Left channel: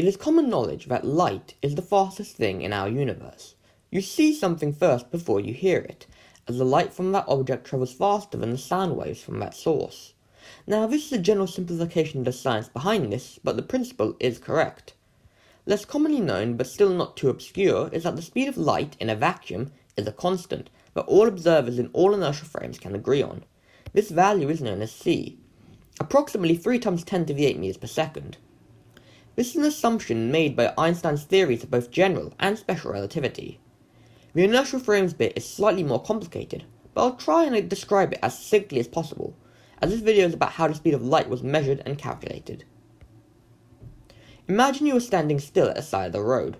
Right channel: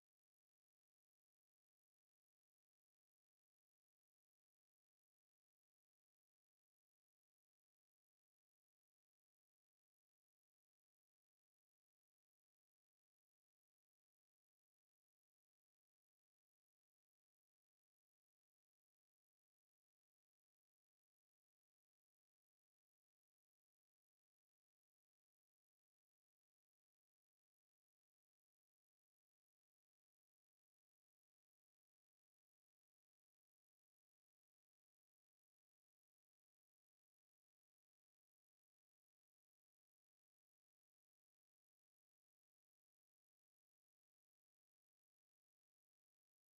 It is common knowledge that light is the fastest thing in our universe. You see something first before you hear it, as the light from that object travels faster than the sound waves from that source. Now, this is a general simplification of the science behind this, but the principle is correct. Less commonly known, but still not too obscure, is that the speed of light in a vacuum is a constant that all observers in all inertial frames can agree on. This value is known as c, approximately 3 times 10 to the 8 meters per second. This is an assumption made by Einstein's theories of both general and special relativity. The inertial frames bit is slightly more complicated, but I'll try and describe it as succinctly as possible, as this video is about how the speed of light was measured and calculated. Imagine you were standing still at the side of the road.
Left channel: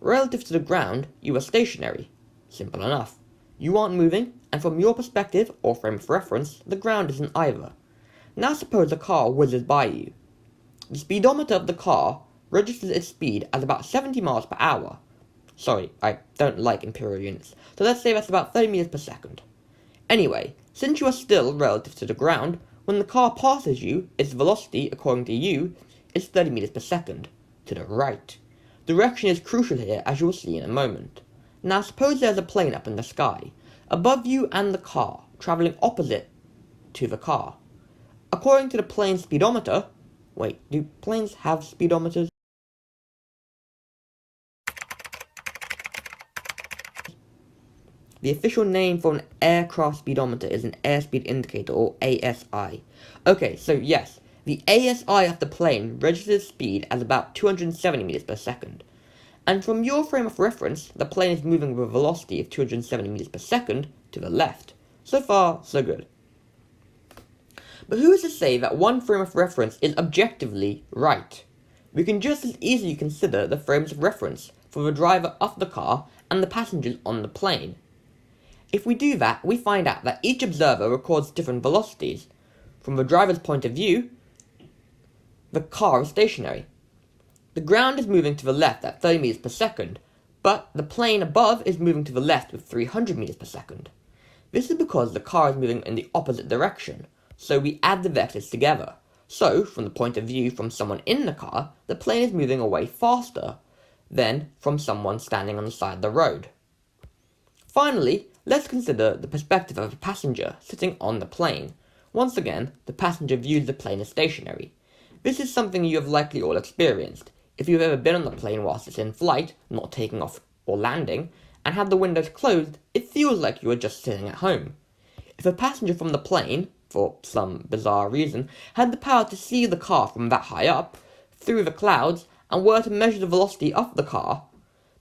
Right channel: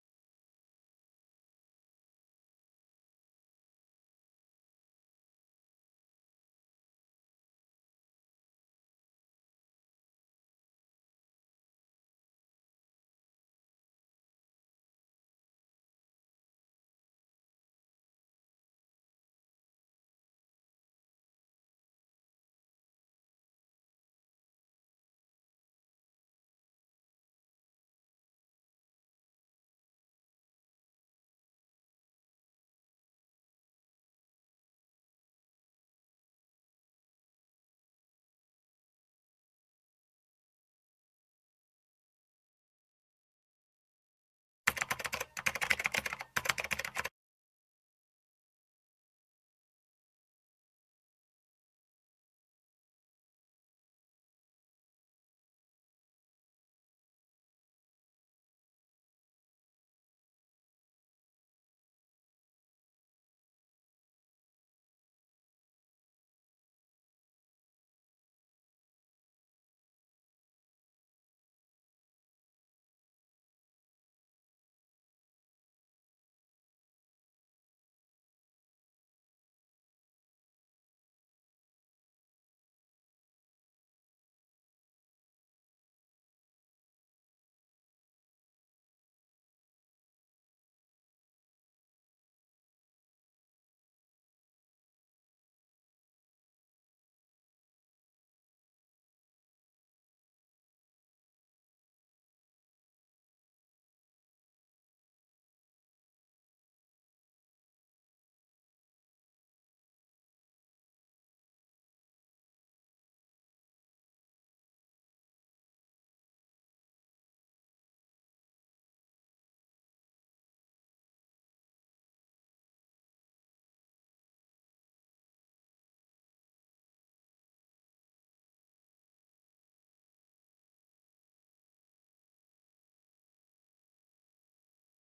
Relative to the ground, you are stationary. Simple enough. You aren't moving, and from your perspective, or frame of reference, the ground isn't either. Now suppose a car whizzes by you. The speedometer of the car registers its speed as about 70 miles per hour. Sorry, I don't like imperial units, so let's say that's about 30 meters per second. Anyway, since you are still relative to the ground, when the car passes you, its velocity, according to you, is 30 meters per second, to the right. Direction is crucial here, as you will see in a moment. Now suppose there's a plane up in the sky, above you and the car, travelling opposite to the car. According to the plane's speedometer, wait, do planes have speedometers? The official name for an aircraft speedometer is an airspeed indicator, or ASI. Okay, so yes, the ASI of the plane registers speed as about 270 meters per second. And from your frame of reference, the plane is moving with a velocity of 270 meters per second to the left. So far, so good. But who is to say that one frame of reference is objectively right? We can just as easily consider the frames of reference for the driver of the car and the passengers on the plane. If we do that, we find out that each observer records different velocities. From the driver's point of view, the car is stationary. The ground is moving to the left at 30 meters per second, but the plane above is moving to the left with 300 meters per second. This is because the car is moving in the opposite direction, so we add the vectors together. So, from the point of view from someone in the car, the plane is moving away faster than from someone standing on the side of the road. Finally, let's consider the perspective of a passenger sitting on the plane. Once again, the passenger views the plane as stationary. This is something you have likely all experienced. If you've ever been on the plane whilst it's in flight, not taking off or landing, and had the windows closed, it feels like you are just sitting at home. If a passenger from the plane, for some bizarre reason, had the power to see the car from that high up, through the clouds, and were to measure the velocity of the car,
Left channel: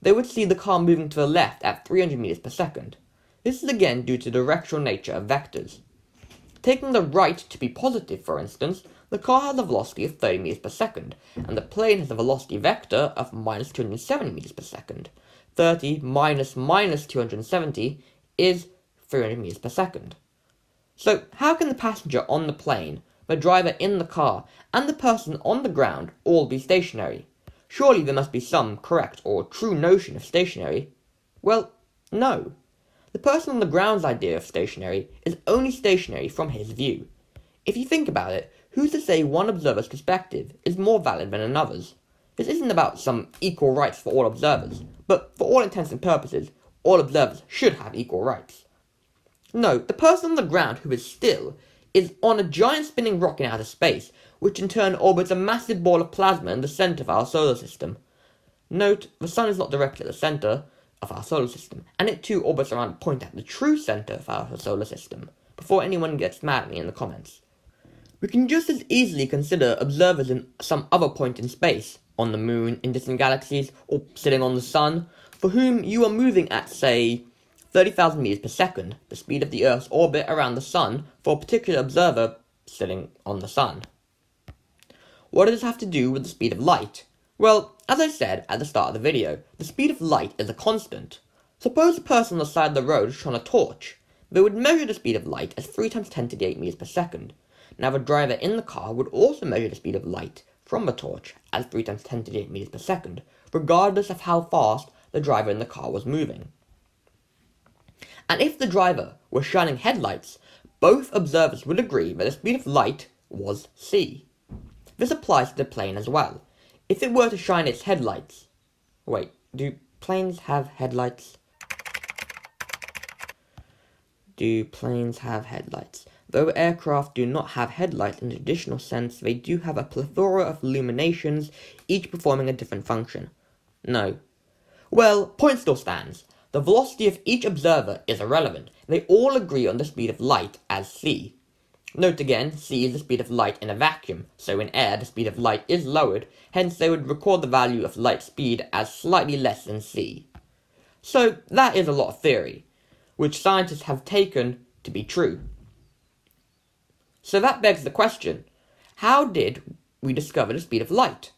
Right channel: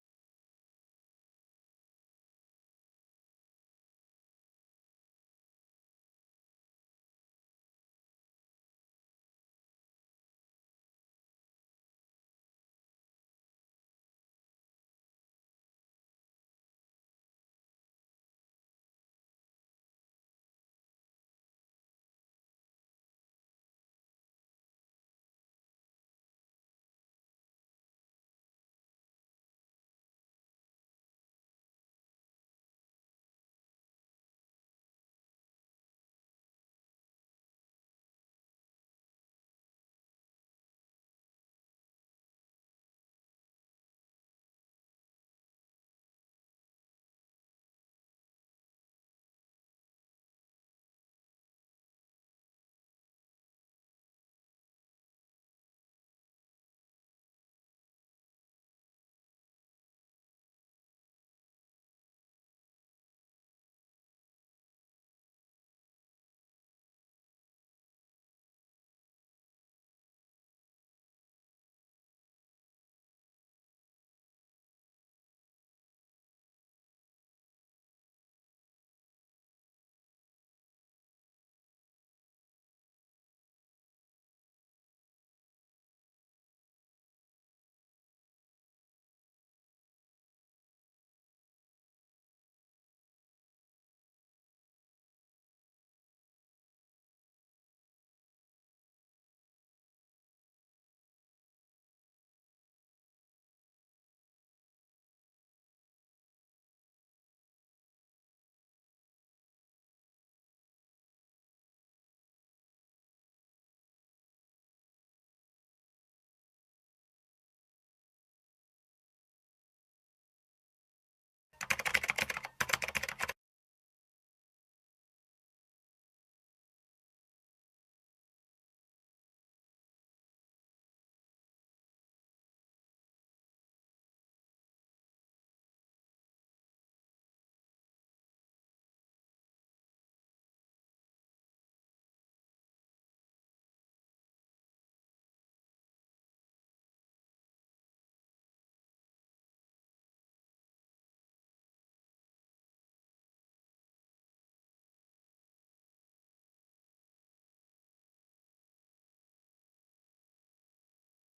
they would see the car moving to the left at 300 meters per second. This is again due to the directional nature of vectors. Taking the right to be positive, for instance, the car has a velocity of 30 meters per second, and the plane has a velocity vector of minus 270 meters per second. 30 minus 270 is 300 meters per second. So, how can the passenger on the plane, the driver in the car, and the person on the ground all be stationary? Surely there must be some correct or true notion of stationary. Well, no. The person on the ground's idea of stationary is only stationary from his view. If you think about it, who's to say one observer's perspective is more valid than another's? This isn't about some equal rights for all observers, but for all intents and purposes, all observers should have equal rights. No, the person on the ground who is still is on a giant spinning rock in outer space, which in turn orbits a massive ball of plasma in the center of our solar system. Note, the sun is not directly at the center of our solar system, and it too orbits around a point at the true center of our solar system, before anyone gets mad at me in the comments. We can just as easily consider observers in some other point in space, on the moon, in distant galaxies, or sitting on the sun, for whom you are moving at, say, 30,000 meters per second, the speed of the Earth's orbit around the sun, for a particular observer sitting on the sun. What does this have to do with the speed of light? Well, as I said at the start of the video, the speed of light is a constant. Suppose a person on the side of the road shone a torch. They would measure the speed of light as 3 times 10 to the 8 meters per second. Now the driver in the car would also measure the speed of light from the torch as 3 times 10 to the 8 meters per second, regardless of how fast the driver in the car was moving. And if the driver were shining headlights, both observers would agree that the speed of light was c. This applies to the plane as well. if it were to shine its headlights... Wait, do planes have headlights? Do planes have headlights? Though aircraft do not have headlights in the traditional sense, they do have a plethora of illuminations, each performing a different function. No. Well, point still stands. The velocity of each observer is irrelevant. They all agree on the speed of light as c. Note again, c is the speed of light in a vacuum, so in air the speed of light is lowered, hence they would record the value of light speed as slightly less than c. So that is a lot of theory, which scientists have taken to be true. So that begs the question, how did we discover the speed of light?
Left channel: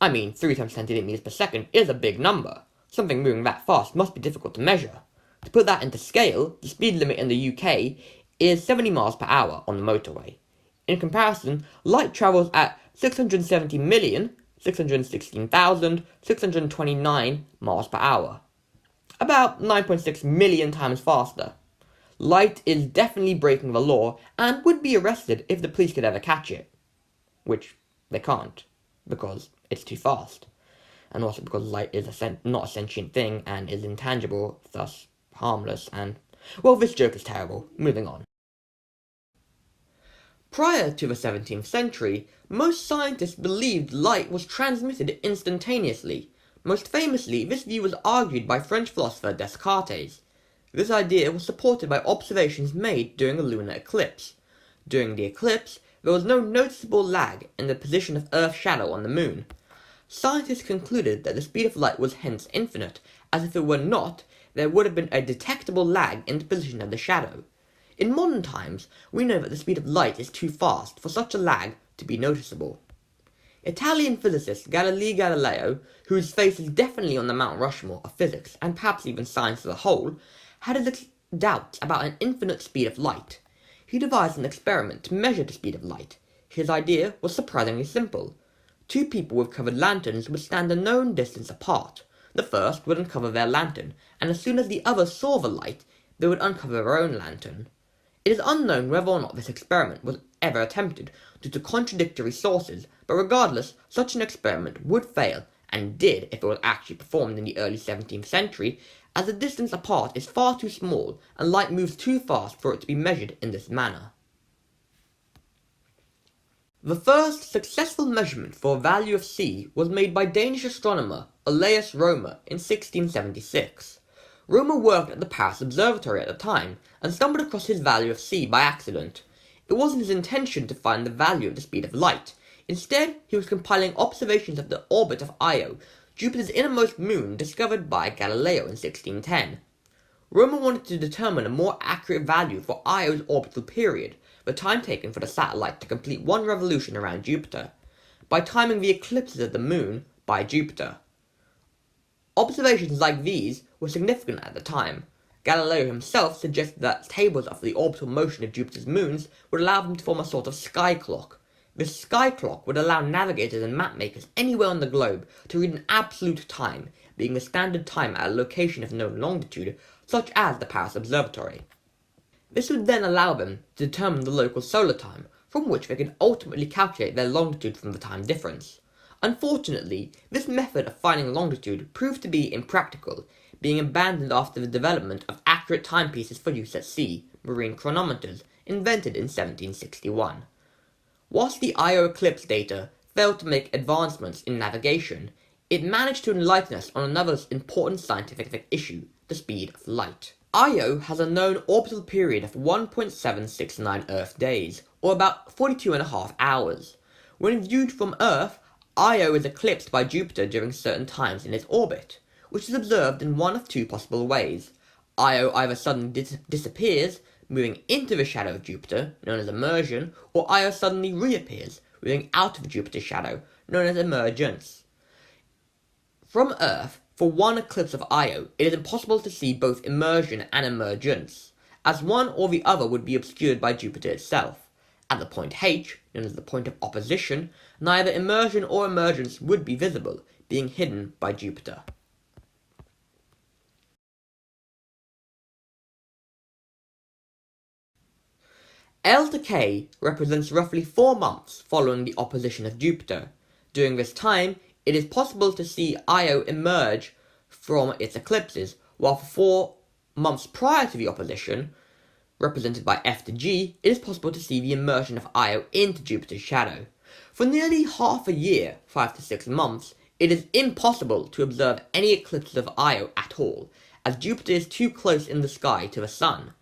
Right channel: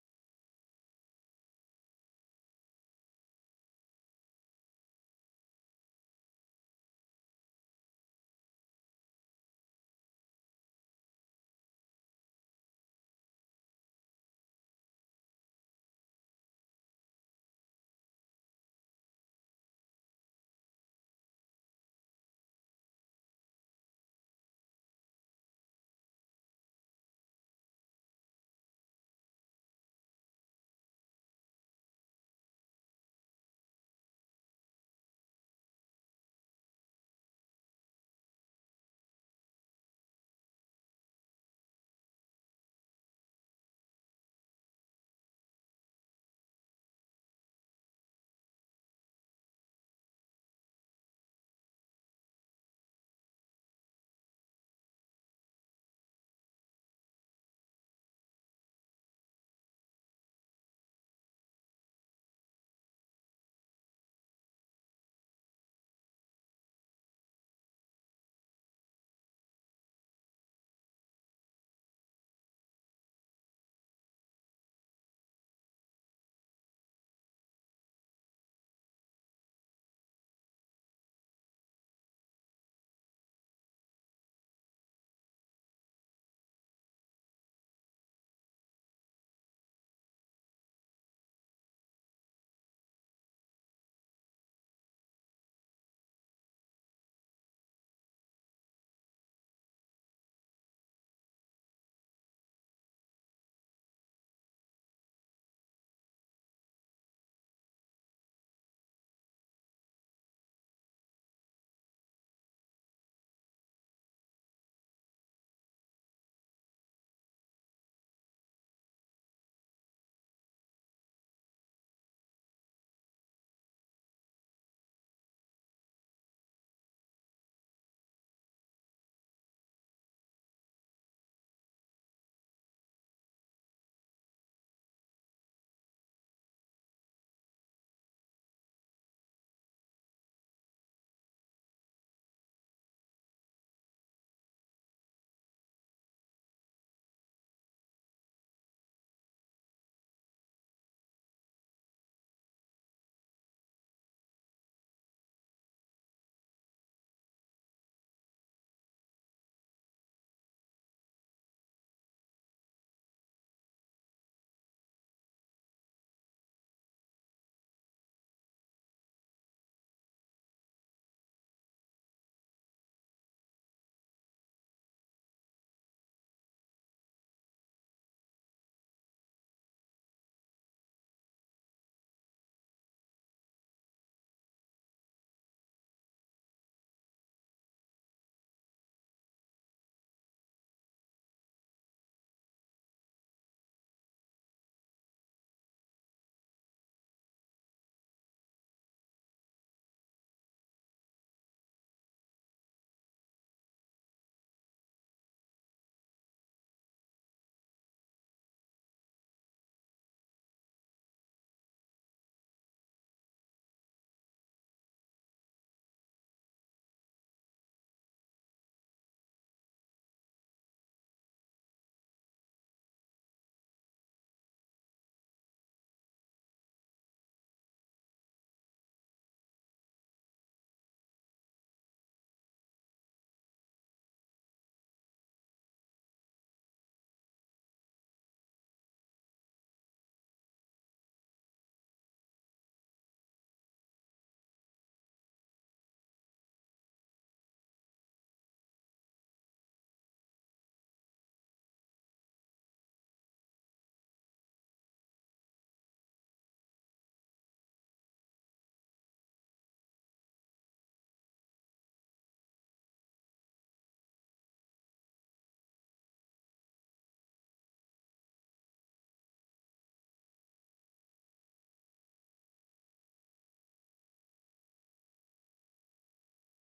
I mean, 3 times 10 to the 8 meters per second is a big number. Something moving that fast must be difficult to measure. To put that into scale, the speed limit in the UK is 70 miles per hour on the motorway. In comparison, light travels at 670,616,629 miles per hour. About 9.6 million times faster. Light is definitely breaking the law and would be arrested if the police could ever catch it. Which they can't, because it's too fast. And also because light is not a sentient thing and is intangible, thus harmless, and... well, this joke is terrible. Moving on. Prior to the 17th century, most scientists believed light was transmitted instantaneously. Most famously, this view was argued by French philosopher Descartes. This idea was supported by observations made during a lunar eclipse. During the eclipse, there was no noticeable lag in the position of Earth's shadow on the moon. Scientists concluded that the speed of light was hence infinite, as if it were not, there would have been a detectable lag in the position of the shadow. In modern times, we know that the speed of light is too fast for such a lag to be noticeable. Italian physicist Galileo, whose face is definitely on the Mount Rushmore of physics, and perhaps even science as a whole, had his doubts about an infinite speed of light. He devised an experiment to measure the speed of light. His idea was surprisingly simple. 2 people with covered lanterns would stand a known distance apart. The first would uncover their lantern, and as soon as the other saw the light, they would uncover their own lantern. It is unknown whether or not this experiment was ever attempted due to contradictory sources, but regardless, such an experiment would fail, and did if it was actually performed in the early 17th century, as the distance apart is far too small and light moves too fast for it to be measured in this manner. The first successful measurement for a value of c was made by Danish astronomer Olaus Rømer in 1676. Rømer worked at the Paris Observatory at the time, and stumbled across his value of c by accident. It wasn't his intention to find the value of the speed of light. Instead, he was compiling observations of the orbit of Io, Jupiter's innermost moon, discovered by Galileo in 1610. Rømer wanted to determine a more accurate value for Io's orbital period, the time taken for the satellite to complete one revolution around Jupiter, by timing the eclipses of the moon by Jupiter. Observations like these were significant at the time. Galileo himself suggested that tables of the orbital motion of Jupiter's moons would allow them to form a sort of sky clock. This sky clock would allow navigators and mapmakers anywhere on the globe to read an absolute time, being the standard time at a location of known longitude, such as the Paris Observatory. This would then allow them to determine the local solar time, from which they could ultimately calculate their longitude from the time difference. Unfortunately, this method of finding longitude proved to be impractical, being abandoned after the development of accurate timepieces for use at sea, marine chronometers, invented in 1761. Whilst the Io eclipse data failed to make advancements in navigation, it managed to enlighten us on another important scientific issue, the speed of light. Io has a known orbital period of 1.769 Earth days, or about 42.5 hours. When viewed from Earth, Io is eclipsed by Jupiter during certain times in its orbit, which is observed in one of 2 possible ways. Io either suddenly disappears, moving into the shadow of Jupiter, known as immersion, or Io suddenly reappears, moving out of Jupiter's shadow, known as emergence. From Earth, for one eclipse of Io, it is impossible to see both immersion and emergence, as one or the other would be obscured by Jupiter itself. At the point H, known as the point of opposition, neither immersion or emergence would be visible, being hidden by Jupiter. L to K represents roughly 4 months following the opposition of Jupiter. During this time, it is possible to see Io emerge from its eclipses, while for 4 months prior to the opposition, represented by F to G, it is possible to see the immersion of Io into Jupiter's shadow. For nearly half a year, 5 to 6 months, it is impossible to observe any eclipses of Io at all, as Jupiter is too close in the sky to the Sun.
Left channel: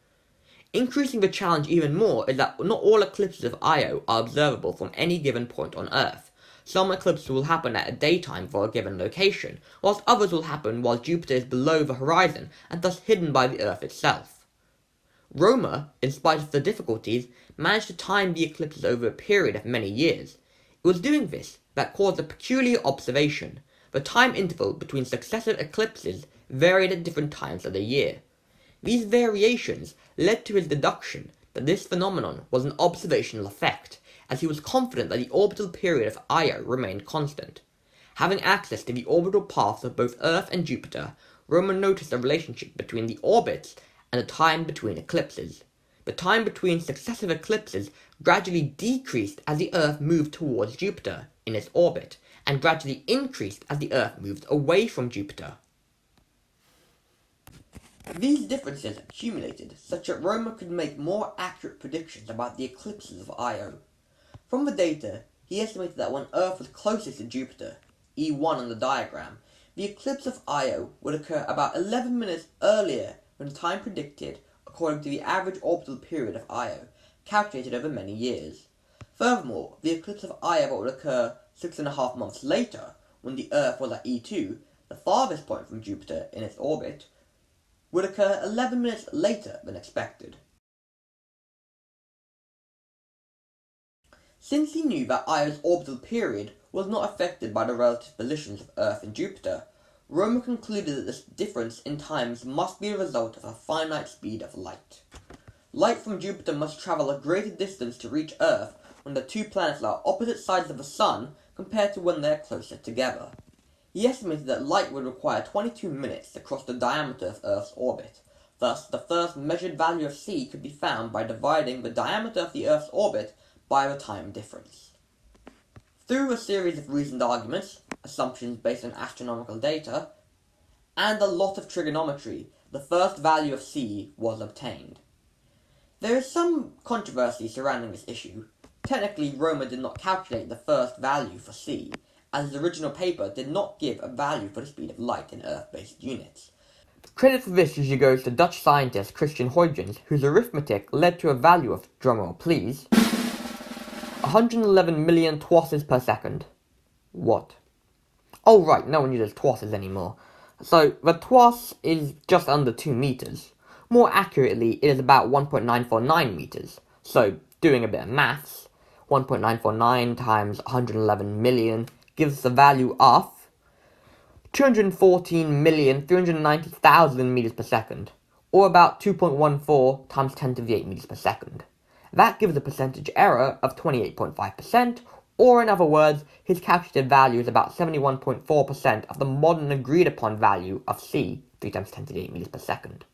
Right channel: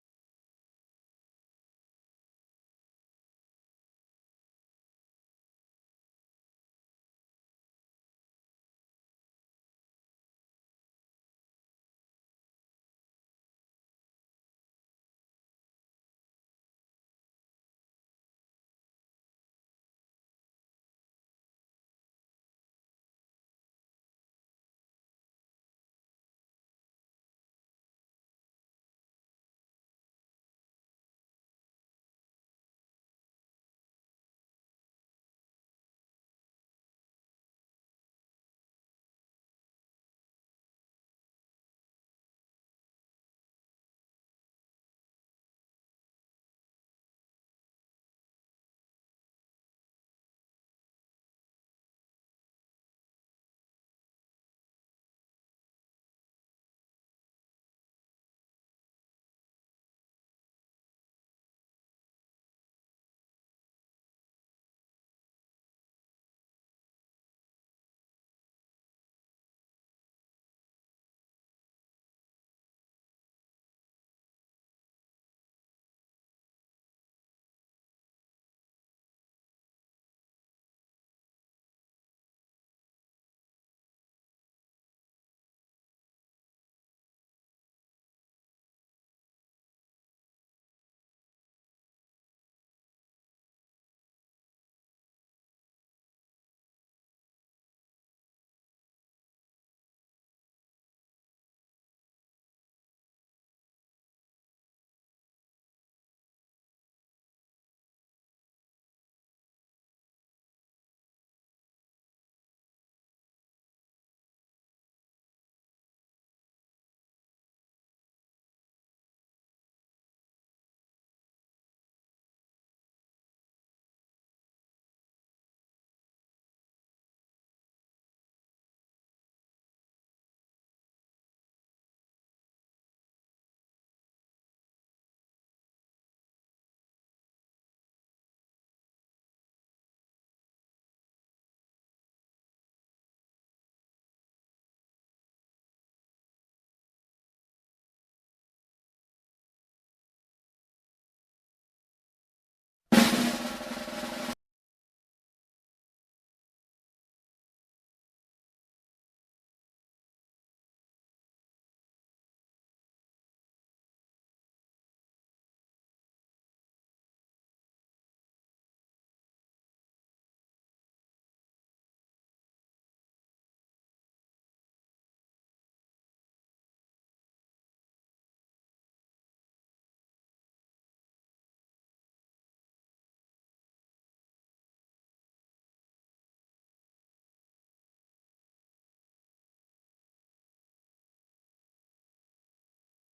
Increasing the challenge even more is that not all eclipses of Io are observable from any given point on Earth. Some eclipses will happen at a daytime for a given location, whilst others will happen while Jupiter is below the horizon and thus hidden by the Earth itself. Rømer, in spite of the difficulties, managed to time the eclipses over a period of many years. It was doing this that caused a peculiar observation. The time interval between successive eclipses varied at different times of the year. These variations led to his deduction that this phenomenon was an observational effect, as he was confident that the orbital period of Io remained constant. Having access to the orbital paths of both Earth and Jupiter, Rømer noticed a relationship between the orbits and the time between eclipses. The time between successive eclipses gradually decreased as the Earth moved towards Jupiter in its orbit, and gradually increased as the Earth moved away from Jupiter. These differences accumulated such that Rømer could make more accurate predictions about the eclipses of Io. From the data, he estimated that when Earth was closest to Jupiter, E1 on the diagram, the eclipse of Io would occur about 11 minutes earlier than the time predicted according to the average orbital period of Io, calculated over many years. Furthermore, the eclipse of Io that would occur 6.5 months later, when the Earth was at E2, the farthest point from Jupiter in its orbit, would occur 11 minutes later than expected. Since he knew that Io's orbital period was not affected by the relative positions of Earth and Jupiter, Rømer concluded that this difference in times must be a result of a finite speed of light. Light from Jupiter must travel a greater distance to reach Earth when the two planets are opposite sides of the Sun compared to when they are closer together. He estimated that light would require 22 minutes to cross the diameter of Earth's orbit. Thus, the first measured value of c could be found by dividing the diameter of the Earth's orbit by the time difference. Through a series of reasoned arguments, assumptions based on astronomical data, and a lot of trigonometry, the first value of c was obtained. There is some controversy surrounding this issue. Technically, Rømer did not calculate the first value for c, as his original paper did not give a value for the speed of light in Earth-based units. Credit for this usually goes to Dutch scientist Christian Huygens, whose arithmetic led to a value of, drumroll please, 111 million twasses per second. What? Oh right, no one uses twasses anymore. So, the twass is just under 2 meters. More accurately, it is about 1.949 meters. So, doing a bit of maths, 1.949 times 111 million gives us a value of 214,390,000 meters per second, or about 2.14 times 10 to the 8 meters per second. That gives a percentage error of 28.5%, or in other words, his calculated value is about 71.4% of the modern agreed upon value of c, 3 times 10 to the 8 meters per second.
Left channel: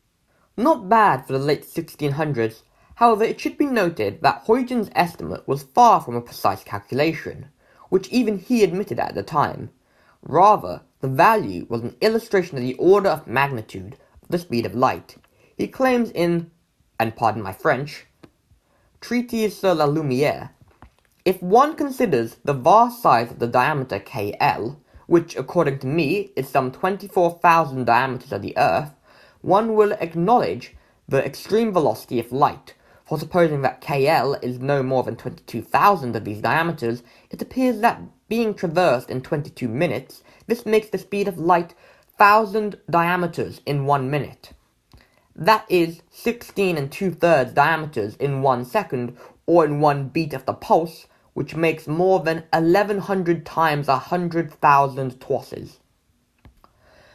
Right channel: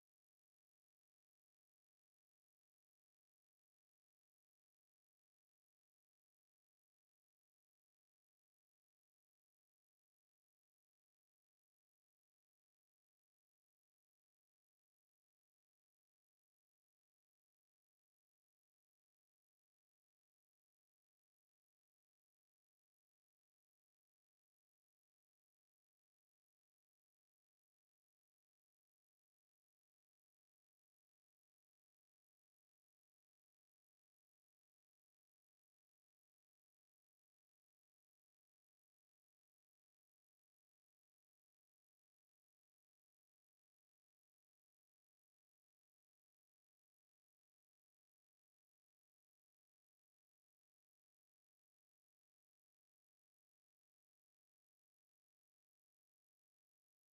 Not bad for the late 1600s, however it should be noted that Huygens' estimate was far from a precise calculation, which even he admitted at the time. Rather, the value was an illustration of the order of magnitude of the speed of light. He claims in, and pardon my French, Treatise sur la lumière, if one considers the vast size of the diameter KL, which according to me is some 24,000 diameters of the Earth, one will acknowledge the extreme velocity of light. For supposing that KL is no more than 22,000 of these diameters, it appears that being traversed in 22 minutes, this makes the speed of light 1,000 diameters in 1 minute. That is 16 2/3 diameters in 1 second, or in 1 beat of the pulse, which makes more than 1,100 times 100,000 twasses.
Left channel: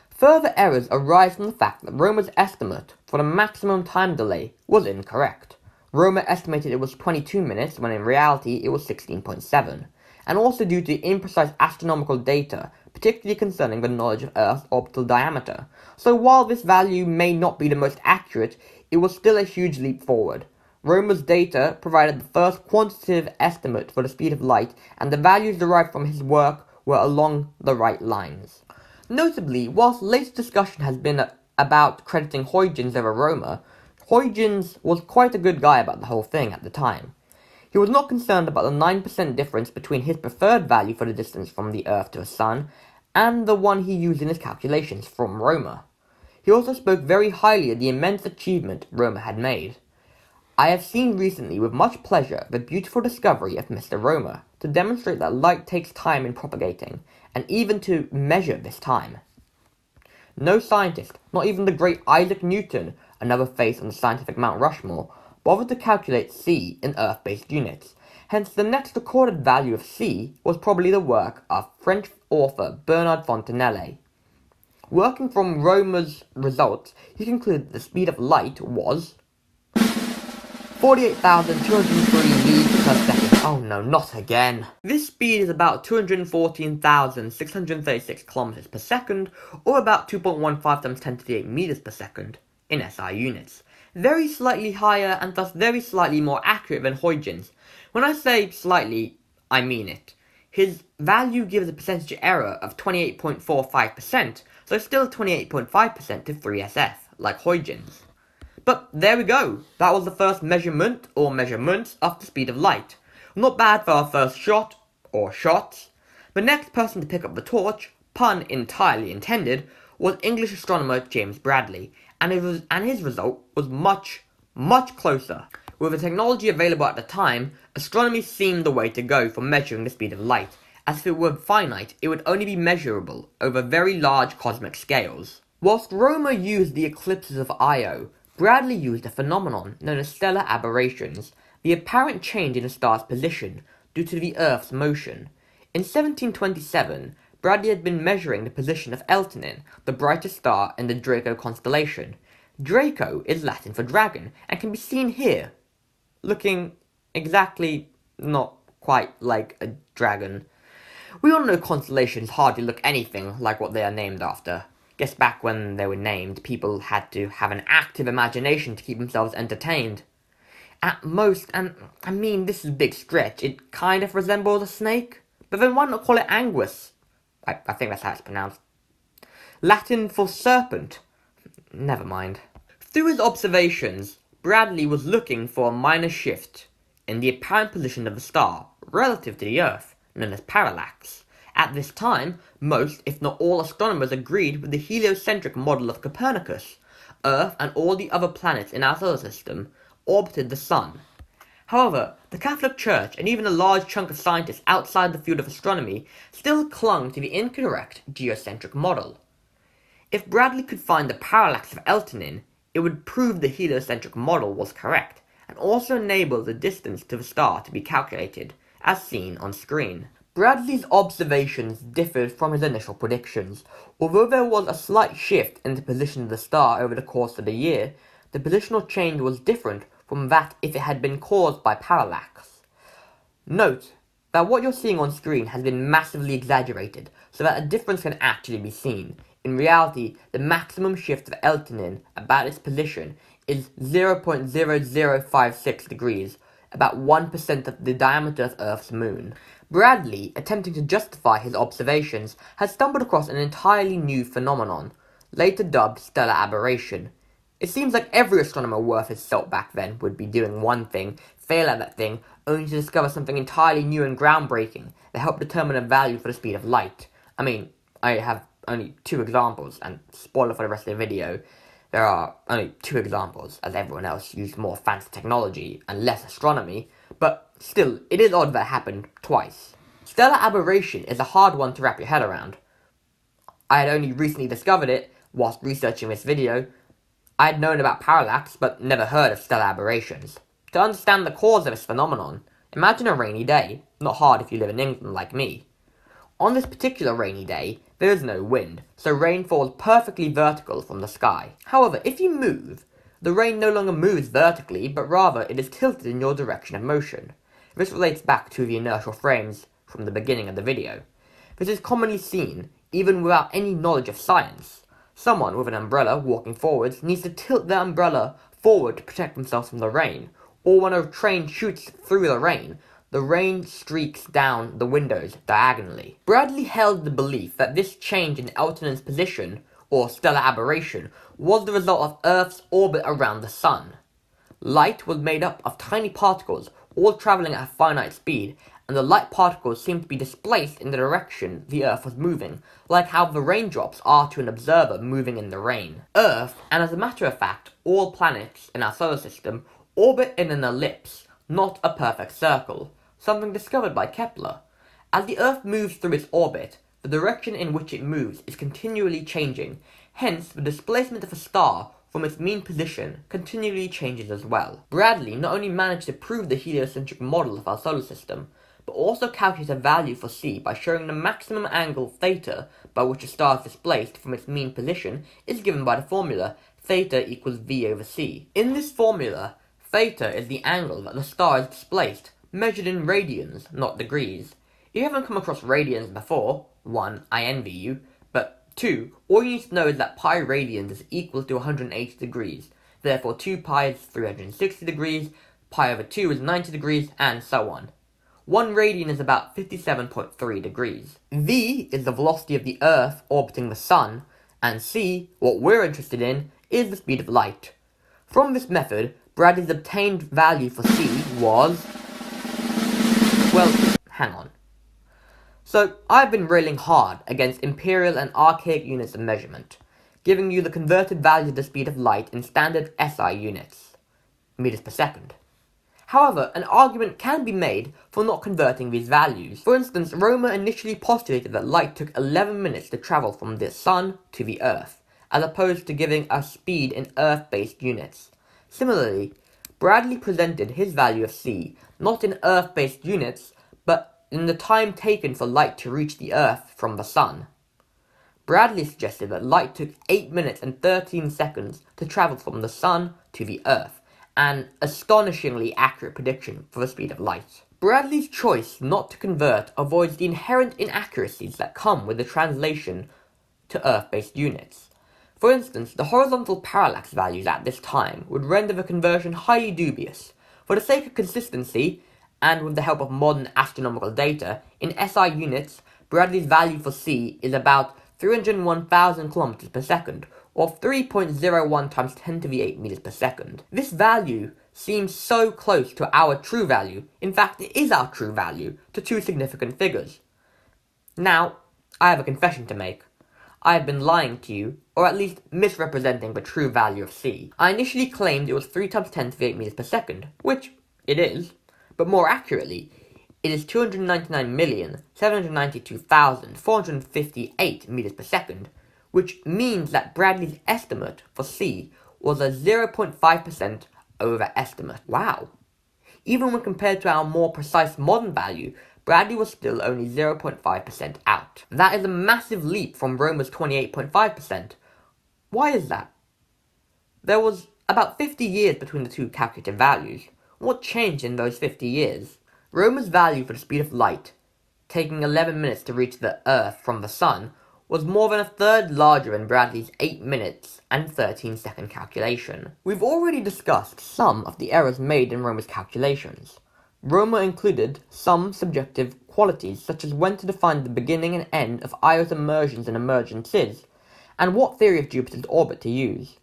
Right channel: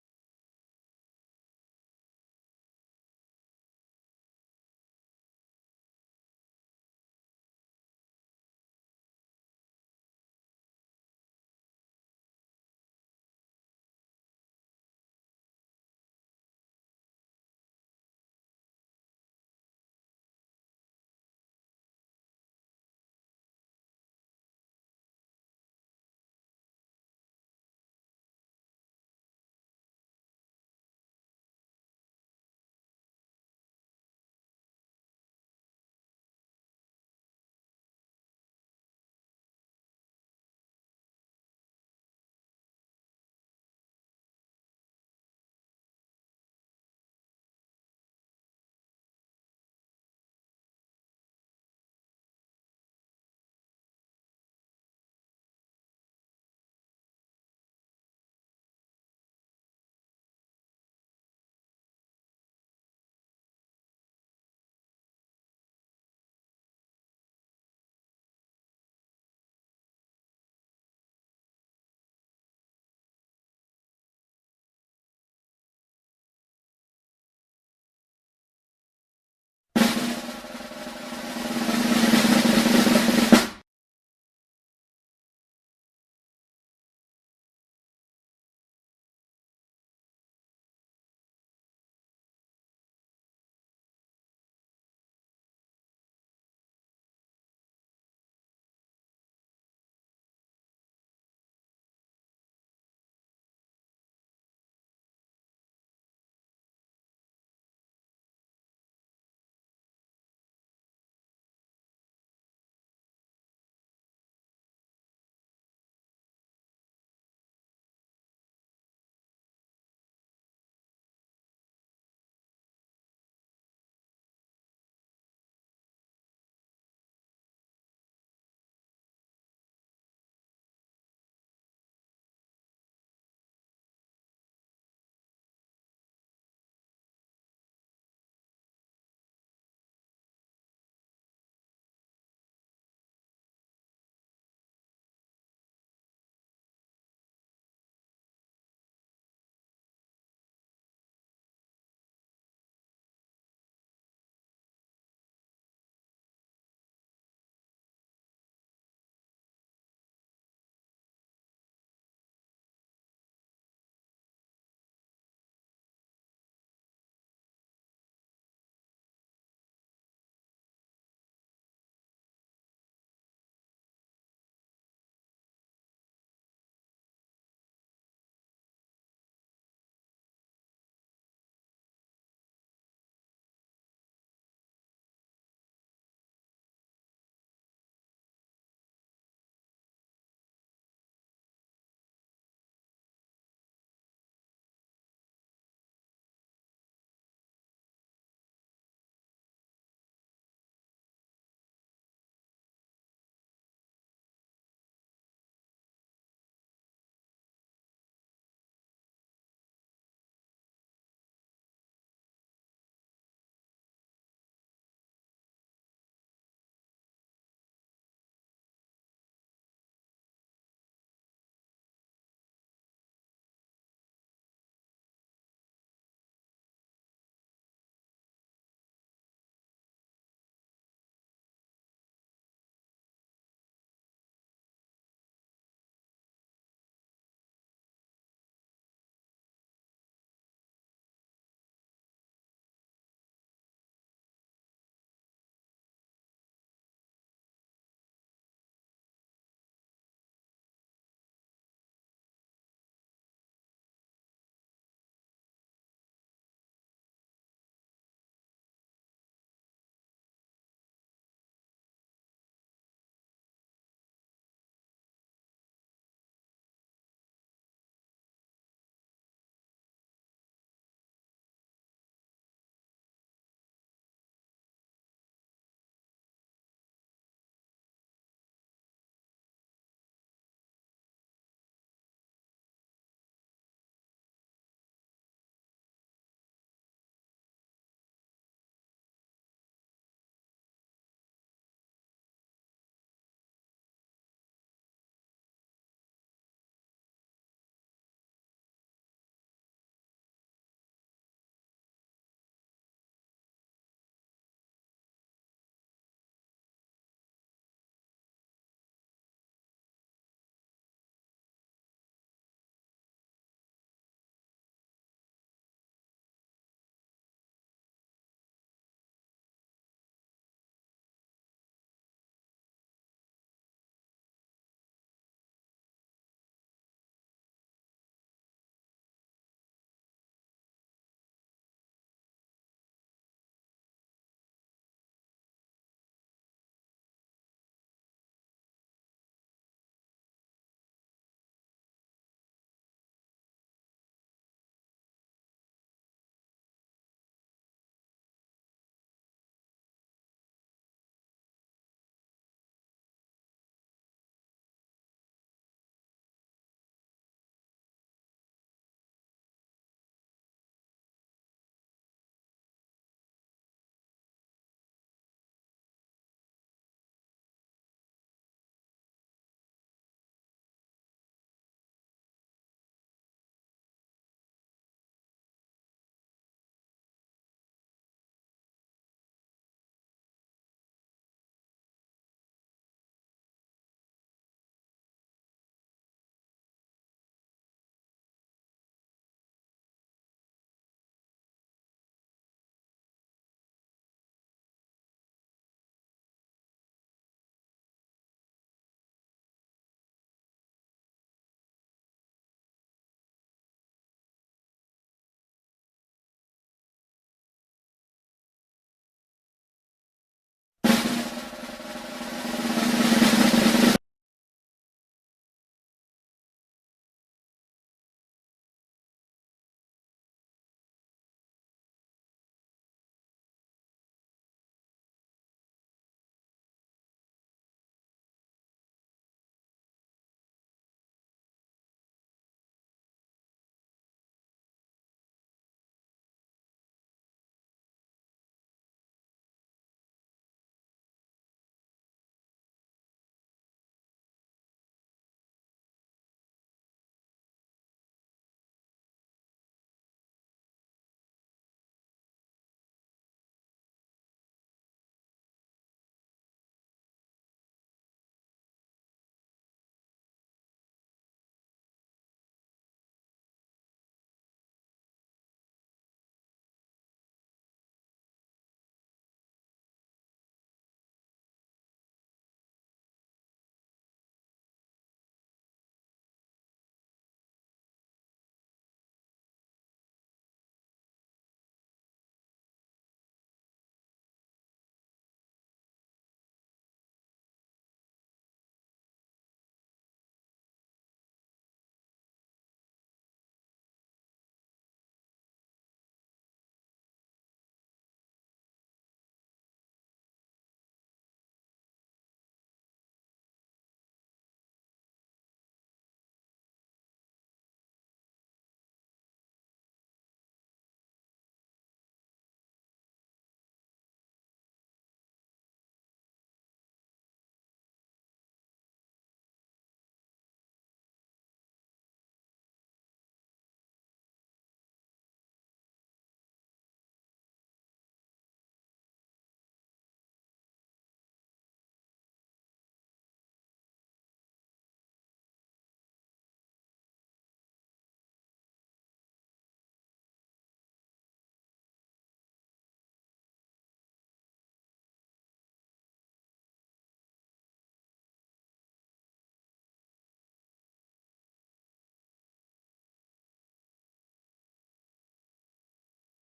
Further errors arise from the fact that Rømer's estimate for the maximum time delay was incorrect. Rømer estimated it was 22 minutes, when in reality it was 16.7, and also due to imprecise astronomical data, particularly concerning the knowledge of Earth's orbital diameter. So while this value may not be the most accurate, it was still a huge leap forward. Rømer's data provided the first quantitative estimate for the speed of light, and the values derived from his work were along the right lines. Notably, whilst later discussion has been about crediting Huygens over Romer, Huygens was quite a good guy about the whole thing at the time. He was not concerned about the 9% difference between his preferred value for the distance from the Earth to the Sun and the one he used in his calculations from Romer. He also spoke very highly of the immense achievement Romer had made. I have seen recently with much pleasure the beautiful discovery of Mr. Romer to demonstrate that light takes time in propagating, and even to measure this time. No scientist, not even the great Isaac Newton, another face on the scientific Mount Rushmore, bothered to calculate c in Earth-based units. Hence, the next recorded value of c was probably the work of French author Bernard Fontenelle. Working from Romer's results, he concluded that the speed of light was 48,230 meters per second. Oh no, not again. This speed is about 214,636 kilometers per second, or about 2.15 times 10 to the 8 meters per second in SI units. Very slightly higher and thus very slightly more accurate than Huygens. When I say slightly, I mean it. His value gives a percentage error of 28.45%, so still 28.5% to 3SF, like Huygens. But there we go, that was the first measurement, or measurements, of the speed of light. Not bad for our first shot, or shots. The next person to pick up the torch, pun entirely intended, was English astronomer James Bradley, and his result was much, much closer. With the technology available at the time, astronomy seemed the way to go for measuring the speed of light, as if it were finite, it would only be measurable over very large cosmic scales. Whilst Romer used the eclipses of Io, Bradley used a phenomenon known as stellar aberrations, the apparent change in a star's position due to the Earth's motion. In 1727, Bradley had been measuring the position of Eltanin, the brightest star in the Draco constellation. Draco is Latin for dragon, and can be seen here, looking exactly not quite like a dragon. We all know constellations hardly look anything like what they are named after. Guess back when they were named, people had to have an active imagination to keep themselves entertained. At most, and I mean this is a big stretch, it kind of resembles a snake, but then why not call it anguis? I think that's how it's pronounced. Latin for serpent. Never mind. Through his observations, Bradley was looking for a minor shift in the apparent position of the star relative to the Earth, known as parallax. At this time, most, if not all, astronomers agreed with the heliocentric model of Copernicus. Earth and all the other planets in our solar system orbited the Sun. However, the Catholic Church and even a large chunk of scientists outside the field of astronomy still clung to the incorrect geocentric model. If Bradley could find the parallax of Eltanin, it would prove the heliocentric model was correct, and also enable the distance to the star to be calculated, as seen on screen. Bradley's observations differed from his initial predictions. Although there was a slight shift in the position of the star over the course of the year, the positional change was different from that if it had been caused by parallax. Note that what you're seeing on screen has been massively exaggerated so that a difference can actually be seen. In reality, the maximum shift of Eltanin about its position is 0.0056 degrees, about 1% of the diameter of Earth's moon. Bradley, attempting to justify his observations, has stumbled across an entirely new phenomenon, later dubbed stellar aberration. It seems like every astronomer worth his salt back then would be doing one thing, fail at that thing, only to discover something entirely new and groundbreaking that helped determine a value for the speed of light. I mean, I have only 2 examples, and spoiler for the rest of the video, there are only 2 examples, as everyone else used more fancy technology and less astronomy, but still, it is odd that it happened twice. Stellar aberration is a hard one to wrap your head around. I had only recently discovered it whilst researching this video. I had known about parallax, but never heard of stellar aberrations. To understand the cause of this phenomenon, imagine a rainy day, not hard if you live in England like me. On this particular rainy day, there is no wind, so rain falls perfectly vertical from the sky. However, if you move, the rain no longer moves vertically, but rather it is tilted in your direction of motion. This relates back to the inertial frames from the beginning of the video. This is commonly seen, even without any knowledge of science. Someone with an umbrella walking forwards needs to tilt their umbrella forward to protect themselves from the rain, or when a train shoots through the rain, the rain streaks down the windows diagonally. Bradley held the belief that this change in Elton's position, or stellar aberration, was the result of Earth's orbit around the Sun. Light was made up of tiny particles, all traveling at a finite speed, and the light particles seemed to be displaced in the direction the Earth was moving, like how the raindrops are to an observer moving in the rain. Earth, and as a matter of fact, all planets in our solar system, orbit in an ellipse, not a perfect circle, something discovered by Kepler. As the Earth moves through its orbit, the direction in which it moves is continually changing, hence the displacement of a star from its mean position continually changes as well. Bradley not only managed to prove the heliocentric model of our solar system, but also calculated a value for C by showing the maximum angle theta by which a star is displaced from its mean position is given by the formula theta equals V over C. In this formula, theta is the angle that the star is displaced, measured in radians, not degrees. If you haven't come across radians before, 1, I envy you, but 2, all you need to know is that pi radians is equal to 180 degrees, therefore 2 pi is 360 degrees, pi over 2 is 90 degrees, and so on. 1 radian is about 57.3 degrees. V is the velocity of the Earth orbiting the Sun, and C, what we're interested in, is the speed of light. From this method, Bradley's obtained value for C was... well, hang on. So, I've been railing hard against imperial and archaic units of measurement, giving you the converted value of the speed of light in standard SI units, meters per second. However, an argument can be made for not converting these values. For instance, Romer initially postulated that light took 11 minutes to travel from the Sun to the Earth, as opposed to giving a speed in Earth-based units. Similarly, Bradley presented his value of C not in Earth-based units, but in the time taken for light to reach the Earth from the Sun. Bradley suggested that light took 8 minutes and 13 seconds to travel from the Sun to the Earth, an astonishingly accurate prediction for the speed of light. Bradley's choice not to convert avoids the inherent inaccuracies that come with the translation to Earth-based units. For instance, the horizontal parallax values at this time would render the conversion highly dubious. For the sake of consistency, and with the help of modern astronomical data, in SI units, Bradley's value for C is about 301,000 kilometers per second, or 3.01 times 10 to the 8 meters per second. This value seems so close to our true value, in fact it is our true value, to two significant figures. Now, I have a confession to make. I have been lying to you, or at least misrepresenting the true value of C. I initially claimed it was 3 times 10 to the 8 meters per second, which it is, but more accurately, it is 299,792,458 meters per second, which means that Bradley's estimate for C was a 0.5% overestimate. Wow! Even when compared to our more precise modern value, Bradley was still only 0.5% out. That is a massive leap from Romer's 28.5%. Why is that? There was about 50 years between the two calculated values. What changed in those 50 years? Romer's value for the speed of light, taking 11 minutes to reach the Earth from the Sun, was more than a third larger than Bradley's 8 minutes and 13-second calculation. We've already discussed some of the errors made in Romer's calculations. Romer included some subjective qualities such as when to define the beginning and end of Io's immersions and emergences, and what theory of Jupiter's orbit to use.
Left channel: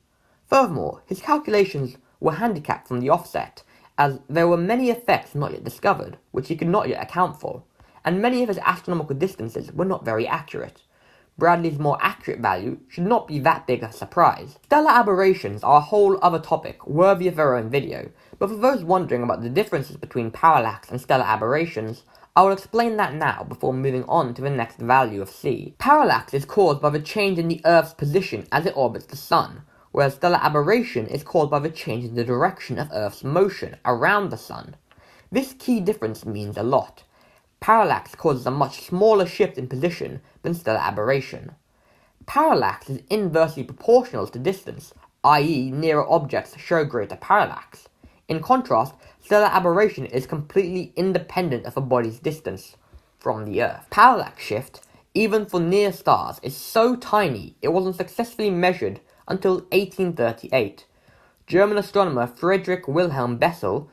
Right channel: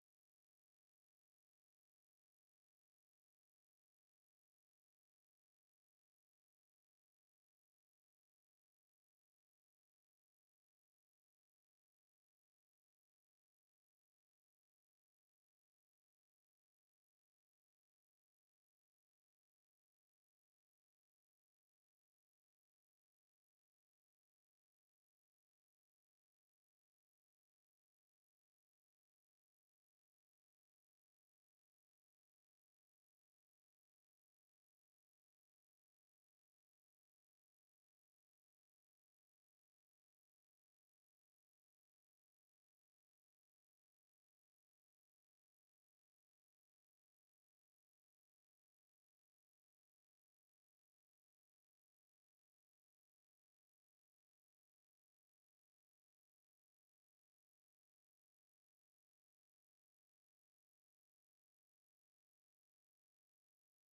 Furthermore, his calculations were handicapped from the offset, as there were many effects not yet discovered, which he could not yet account for, and many of his astronomical distances were not very accurate. Bradley's more accurate value should not be that big a surprise. Stellar aberrations are a whole other topic, worthy of their own video, but for those wondering about the differences between parallax and stellar aberrations, I will explain that now before moving on to the next value of C. Parallax is caused by the change in the Earth's position as it orbits the Sun, whereas stellar aberration is caused by the change in the direction of Earth's motion around the Sun. This key difference means a lot. Parallax causes a much smaller shift in position than stellar aberration. Parallax is inversely proportional to distance, i.e. nearer objects show greater parallax. In contrast, stellar aberration is completely independent of a body's distance from the Earth. Parallax shift, even for near stars, is so tiny it wasn't successfully measured until 1838. German astronomer Friedrich Wilhelm Bessel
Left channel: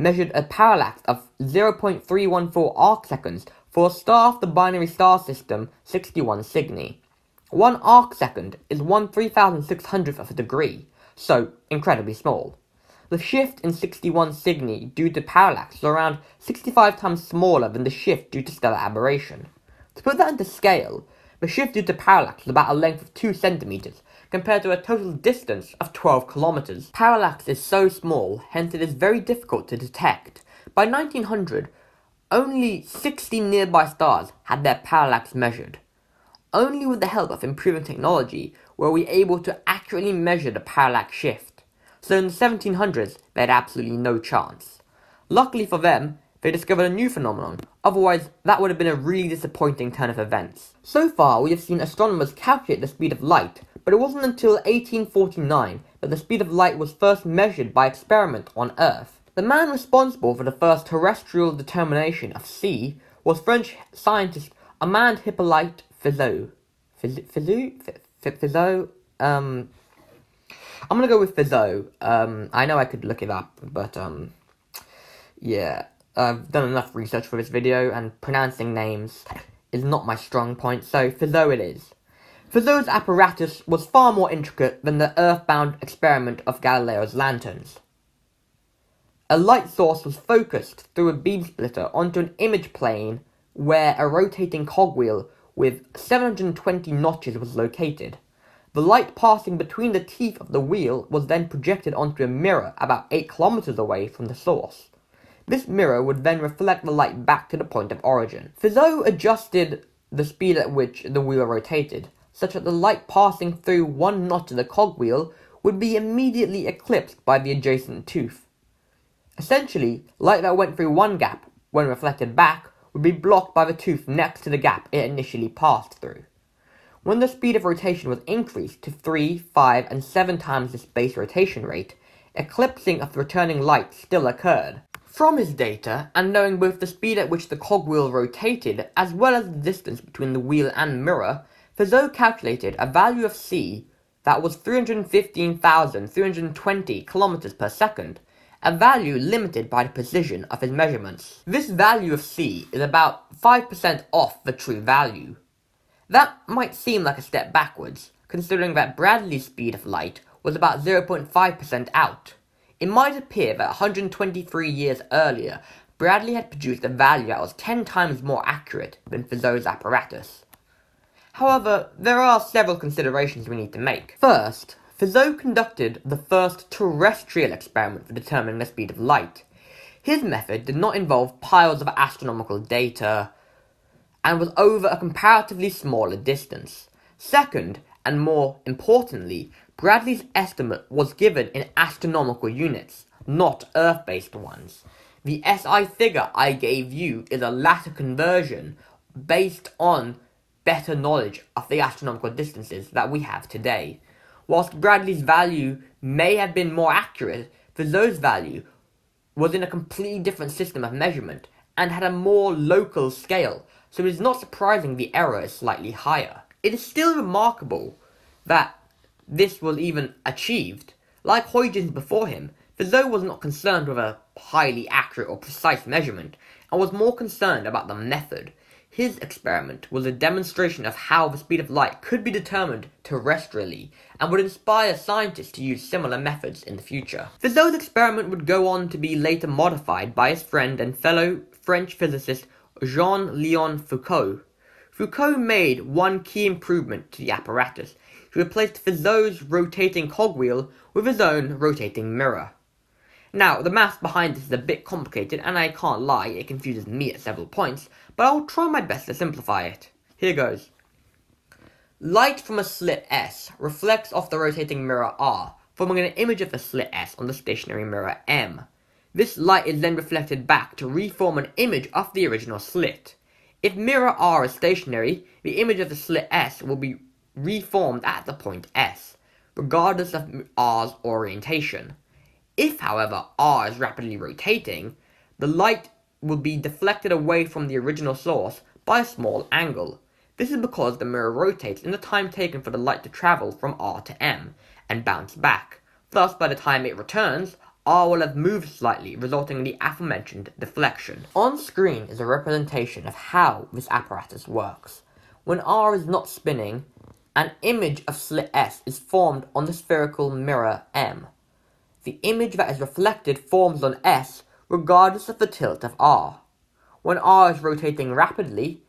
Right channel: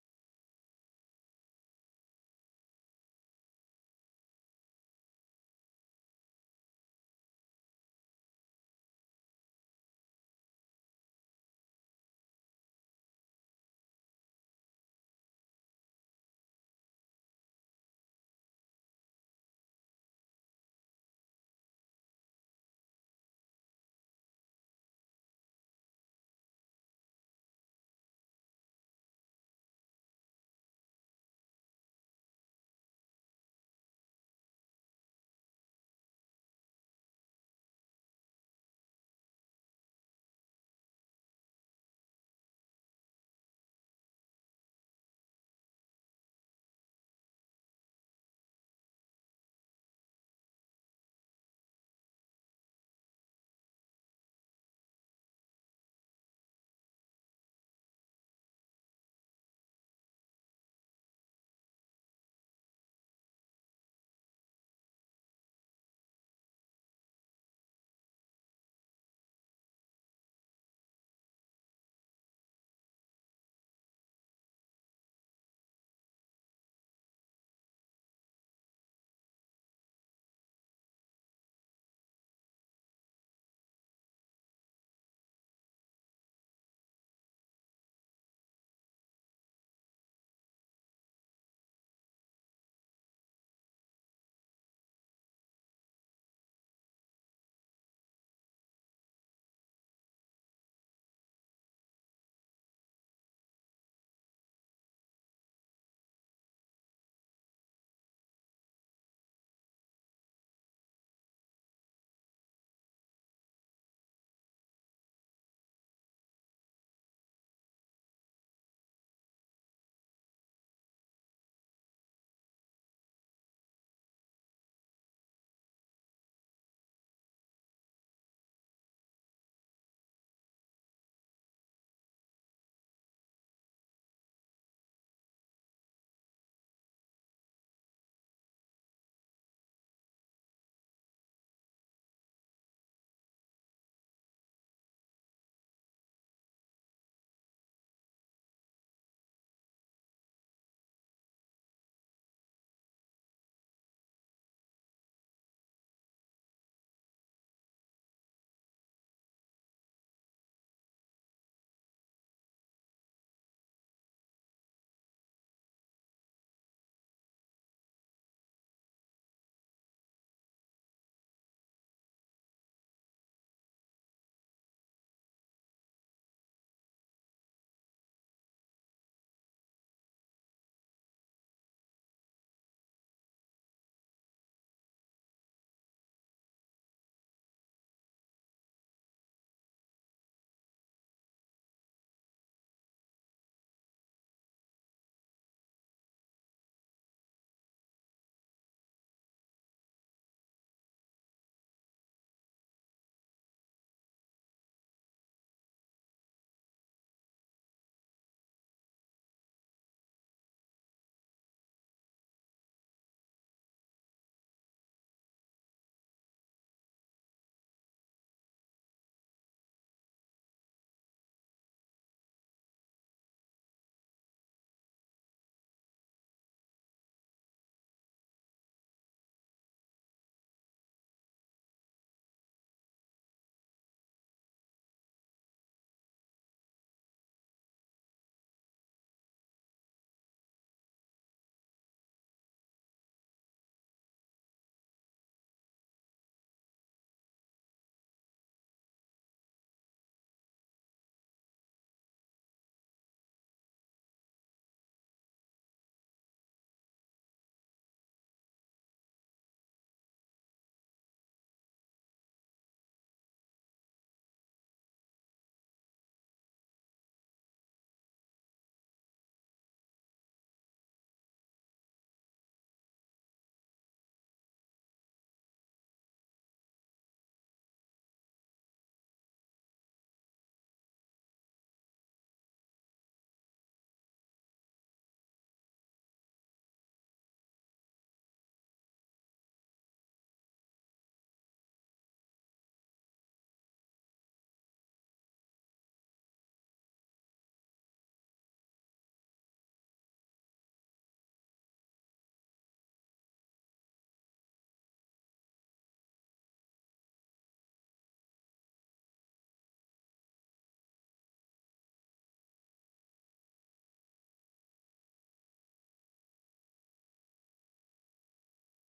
measured a parallax of 0.314 arcseconds for a star of the binary star system 61 Cygni. 1 arcsecond is 1/3600th of a degree, so incredibly small. The shift in 61 Cygni due to parallax is around 65 times smaller than the shift due to stellar aberration. To put that into scale, the shift due to parallax is about a length of 2 centimeters, compared to a total distance of 12 kilometers. Parallax is so small, hence it is very difficult to detect. By 1900, only 60 nearby stars had their parallax measured. Only with the help of improving technology were we able to accurately measure the parallax shift. So in the 1700s, they had absolutely no chance. Luckily for them, they discovered a new phenomenon, otherwise that would have been a really disappointing turn of events. So far, we have seen astronomers calculate the speed of light, but it wasn't until 1849 that the speed of light was first measured by experiment on Earth. The man responsible for the first terrestrial determination of c was French scientist Armand Hippolyte Fizeau. Fizeau? I'm gonna go with Fizeau. I know I could look it up, but yeah. I've done enough research for this video, and pronouncing names is not my strong point, so Fizeau it is. Fizeau's apparatus was far more intricate than the earthbound experiment of Galileo's lanterns. A light source was focused through a beam splitter onto an image plane where a rotating cogwheel with 720 notches was located. The light passing between the teeth of the wheel was then projected onto a mirror about 8 kilometers away from the source. This mirror would then reflect the light back to the point of origin. Fizeau adjusted the speed at which the wheel rotated, such that the light passing through one notch of the cogwheel would be immediately eclipsed by the adjacent tooth. Essentially, light that went through one gap, when reflected back, would be blocked by the tooth next to the gap it initially passed through. When the speed of rotation was increased to 3, 5, and 7 times this base rotation rate, eclipsing of the returning light still occurred. From his data, and knowing both the speed at which the cogwheel rotated, as well as the distance between the wheel and mirror, Fizeau calculated a value of c that was 315,320 kilometers per second, a value limited by the precision of his measurements. This value of c is about 5% off the true value. That might seem like a step backwards, considering that Bradley's speed of light was about 0.5% out. It might appear that 123 years earlier, Bradley had produced a value that was 10 times more accurate than Fizeau's apparatus. However, there are several considerations we need to make. First, Fizeau conducted the first terrestrial experiment for determining the speed of light. His method did not involve piles of astronomical data, and was over a comparatively smaller distance. Second, and more importantly, Bradley's estimate was given in astronomical units, not Earth-based ones. The SI figure I gave you is a latter conversion based on better knowledge of the astronomical distances that we have today. Whilst Bradley's value may have been more accurate, Fizeau's value was in a completely different system of measurement and had a more local scale, so it is not surprising the error is slightly higher. It is still remarkable that this was even achieved. Like Huygens before him, Fizeau was not concerned with a highly accurate or precise measurement, and was more concerned about the method. His experiment was a demonstration of how the speed of light could be determined terrestrially, and would inspire scientists to use similar methods in the future. Fizeau's experiment would go on to be later modified by his friend and fellow French physicist Jean-Léon Foucault. Foucault made one key improvement to the apparatus. He replaced Fizeau's rotating cogwheel with his own rotating mirror. Now, the maths behind this is a bit complicated, and I can't lie, it confuses me at several points, but I'll try my best to simplify it. Here goes. Light from a slit S reflects off the rotating mirror R, forming an image of the slit S on the stationary mirror M. This light is then reflected back to reform an image of the original slit. If mirror R is stationary, the image of the slit S will be reformed at the point S, regardless of R's orientation. If, however, R is rapidly rotating, the light will be deflected away from the original source by a small angle. This is because the mirror rotates in the time taken for the light to travel from R to M, and bounce back. Thus, by the time it returns, R will have moved slightly, resulting in the aforementioned deflection. On screen is a representation of how this apparatus works. When R is not spinning, an image of slit S is formed on the spherical mirror M. The image that is reflected forms on S regardless of the tilt of R. When R is rotating rapidly,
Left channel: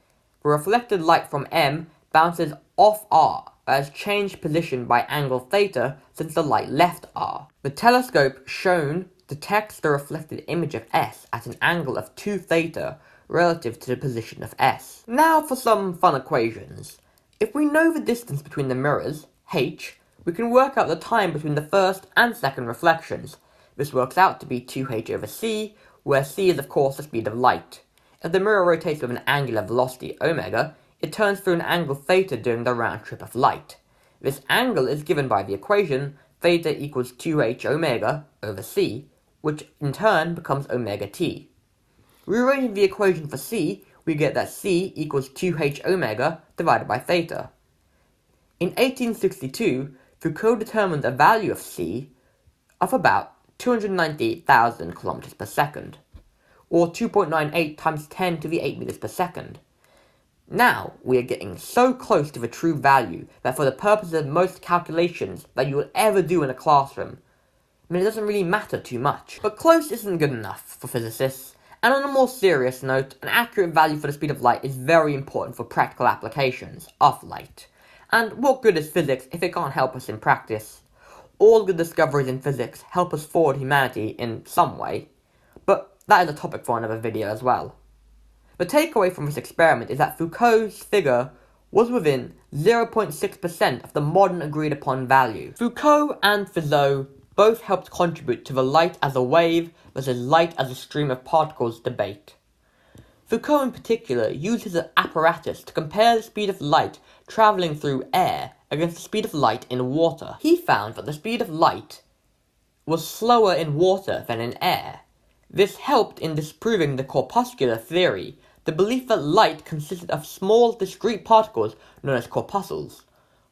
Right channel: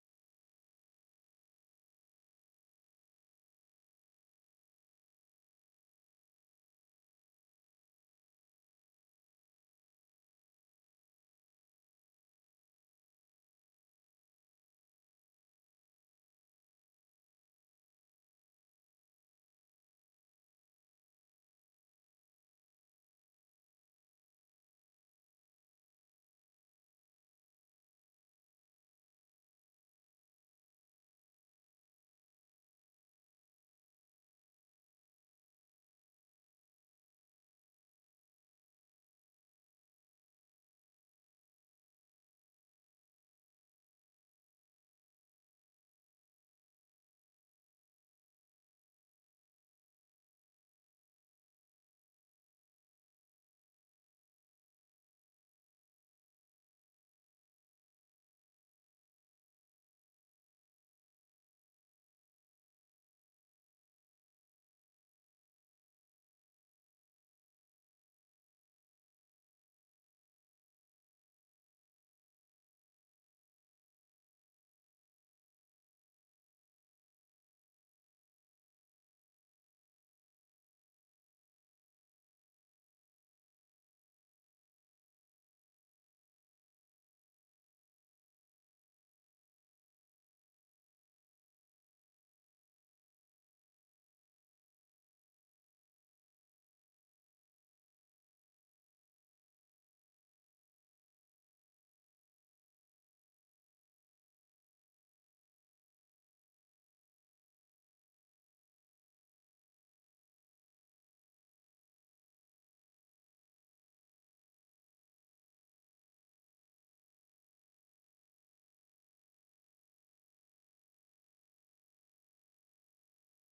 the reflected light from M bounces off R, that has changed position by angle theta since the light left R. The telescope shown detects the reflected image of S at an angle of 2 theta relative to the position of S. Now for some fun equations. If we know the distance between the mirrors, h, we can work out the time between the first and second reflections. This works out to be 2h over c, where c is of course the speed of light. If the mirror rotates with an angular velocity omega, it turns through an angle theta during the round trip of light. This angle is given by the equation theta equals 2h omega over c, which in turn becomes omega t. Rearranging the equation for c, we get that c equals 2h omega divided by theta. In 1862, Foucault determined a value of c of about 298,000 kilometers per second, or 2.98 times 10 to the 8 meters per second. Now, we are getting so close to the true value that for the purposes of most calculations that you will ever do in a classroom, it doesn't really matter too much. But close isn't good enough for physicists, and on a more serious note, an accurate value for the speed of light is very important for practical applications of light. And what good is physics if it can't help us in practice? All good discoveries in physics help us forward humanity in some way, but that is a topic for another video as well. The takeaway from this experiment is that Foucault's figure was within 0.6% of the modern agreed upon value. Foucault and Fizeau both helped contribute to the light as a wave versus light as a stream of particles debate. Foucault in particular used his apparatus to compare the speed of light travelling through air against the speed of light in water. He found that the speed of light was slower in water than in air. This helped in disproving the corpuscular theory, the belief that light consisted of small discrete particles known as corpuscles,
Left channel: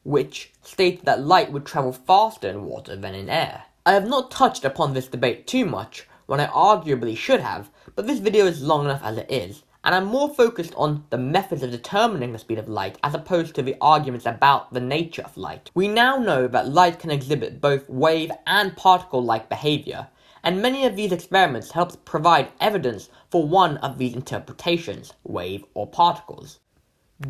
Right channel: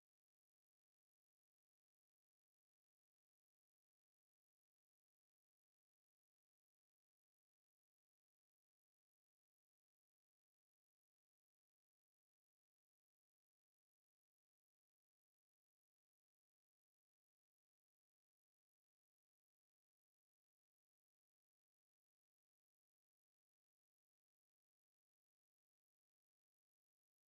which stated that light would travel faster in water than in air. I have not touched upon this debate too much, when I arguably should have, but this video is long enough as it is, and I'm more focused on the methods of determining the speed of light as opposed to the arguments about the nature of light. We now know that light can exhibit both wave and particle-like behavior, and many of these experiments help provide evidence for one of these interpretations, wave or particles.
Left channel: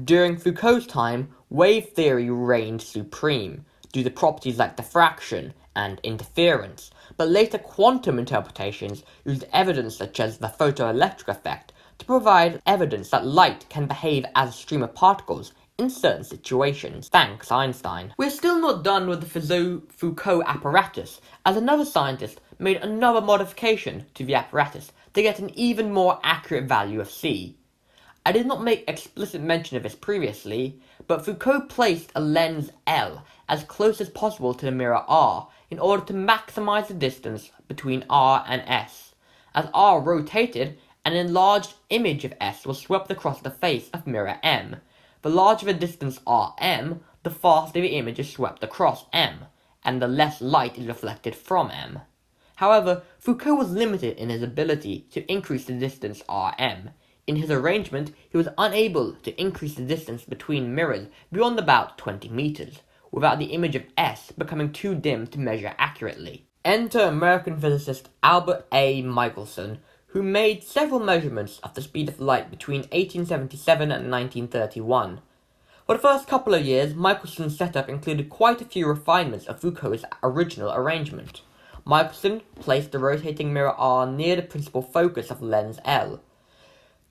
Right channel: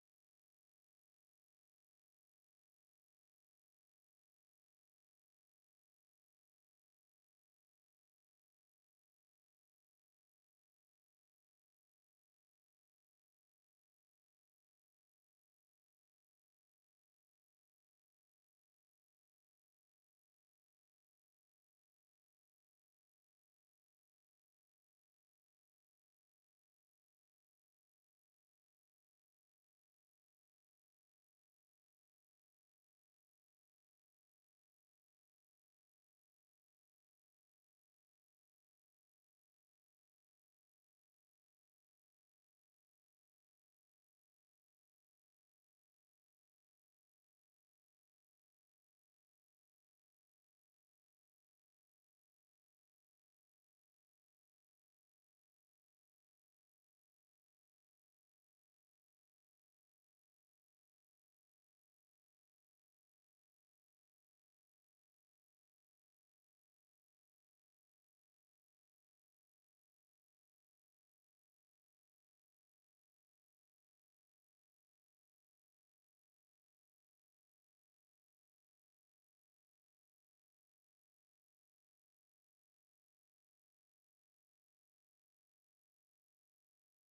During Foucault's time, wave theory reigned supreme, due to properties like diffraction and interference, but later quantum interpretations used evidence such as the photoelectric effect to provide evidence that light can behave as a stream of particles in certain situations. Thanks, Einstein. We're still not done with the Fizeau-Foucault apparatus, as another scientist made another modification to the apparatus to get an even more accurate value of c. I did not make explicit mention of this previously, but Foucault placed a lens L as close as possible to the mirror R in order to maximize the distance between R and S. As R rotated, an enlarged image of S was swept across the face of mirror M. The larger the distance Rm, the faster the image is swept across M, and the less light is reflected from M. However, Foucault was limited in his ability to increase the distance Rm. In his arrangement, he was unable to increase the distance between mirrors beyond about 20 meters, without the image of S becoming too dim to measure accurately. Enter American physicist Albert A. Michelson, who made several measurements of the speed of light between 1877 and 1931. For the first couple of years, Michelson's setup included quite a few refinements of Foucault's original arrangement. Michelson placed the rotating mirror R near the principal focus of lens L.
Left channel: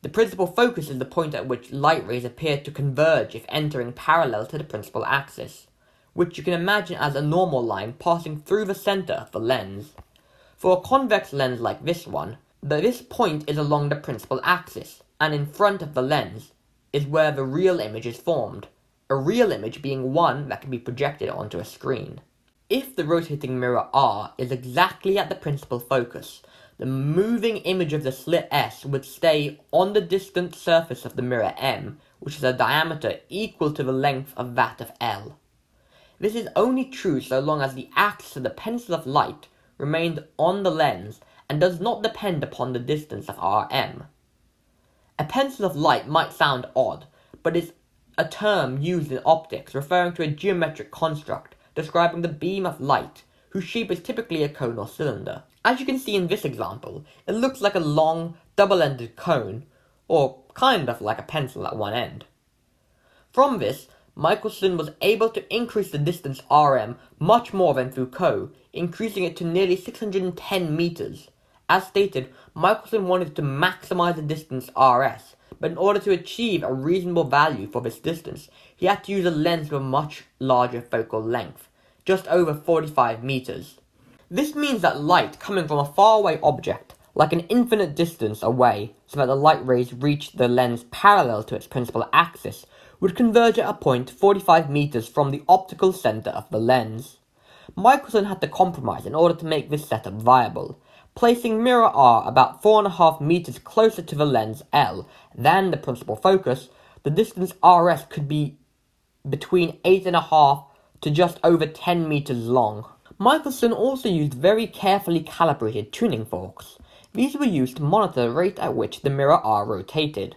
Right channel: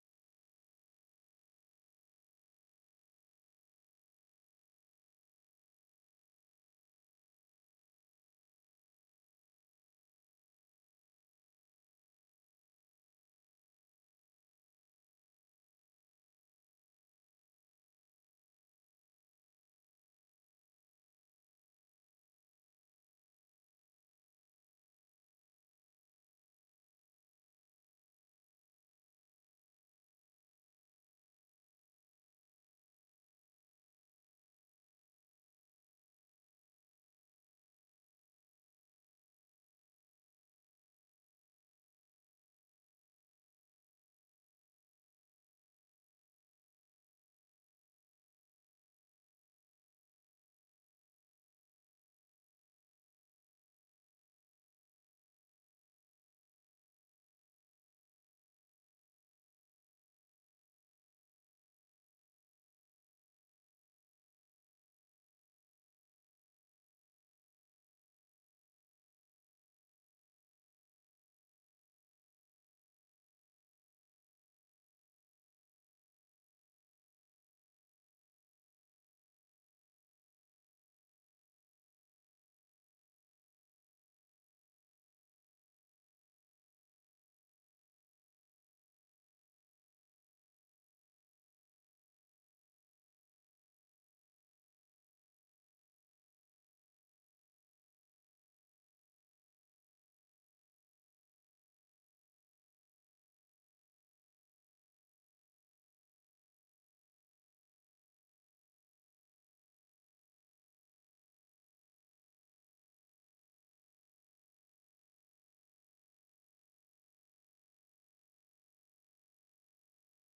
The principal focus is the point at which light rays appear to converge if entering parallel to the principal axis, which you can imagine as a normal line passing through the center of the lens. For a convex lens like this one, this point is along the principal axis, and in front of the lens is where the real image is formed, a real image being one that can be projected onto a screen. If the rotating mirror R is exactly at the principal focus, the moving image of the slit S would stay on the distant surface of the mirror M, which is a diameter equal to the length of that of L. This is only true so long as the axis of the pencil of light, remains on the lens and does not depend upon the distance of Rm. A pencil of light might sound odd, but is a term used in optics referring to a geometric construct describing the beam of light, whose shape is typically a cone or cylinder. As you can see in this example, it looks like a long, double-ended cone, or kind of like a pencil at one end. From this, Michelson was able to increase the distance Rm much more than Foucault, increasing it to nearly 610 meters. As stated, Michelson wanted to maximize the distance Rs, but in order to achieve a reasonable value for this distance, he had to use a lens with a much larger focal length, just over 45 meters. This means that light coming from a faraway object, like an infinite distance away, so that the light rays reach the lens parallel to its principal axis, would converge at a point 45 meters from the optical center of the lens. Michelson had to compromise in order to make this setup viable, placing mirror R about 4.5 meters closer to the lens L than the principal focus. The distance Rs could be between 8.5 to just over 10 meters long. Michelson also used very carefully calibrated tuning forks. These were used to monitor the rate at which the mirror R rotated.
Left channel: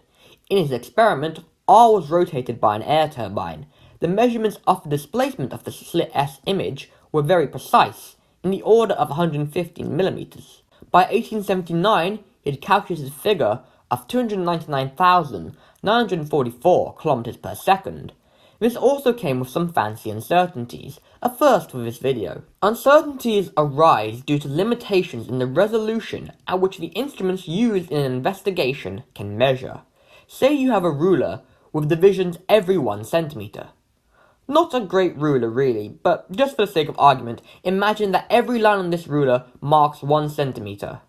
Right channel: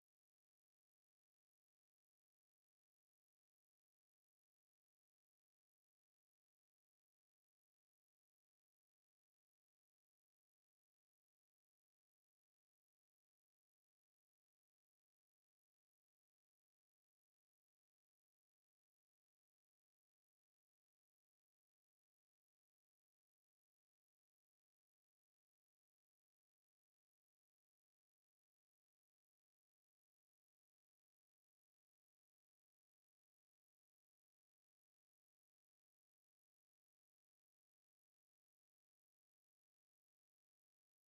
In his experiment, R was rotated by an air turbine. The measurements of the displacement of the slit S image were very precise, in the order of 115 millimeters. By 1879, he had calculated a figure of 299,944 kilometers per second. This also came with some fancy uncertainties, a first for this video. Uncertainties arise due to limitations in the resolution at which the instruments used in an investigation can measure. Say you have a ruler with divisions every 1 centimeter. Not a great ruler really, but just for the sake of argument, imagine that every line on this ruler marks 1 centimeter.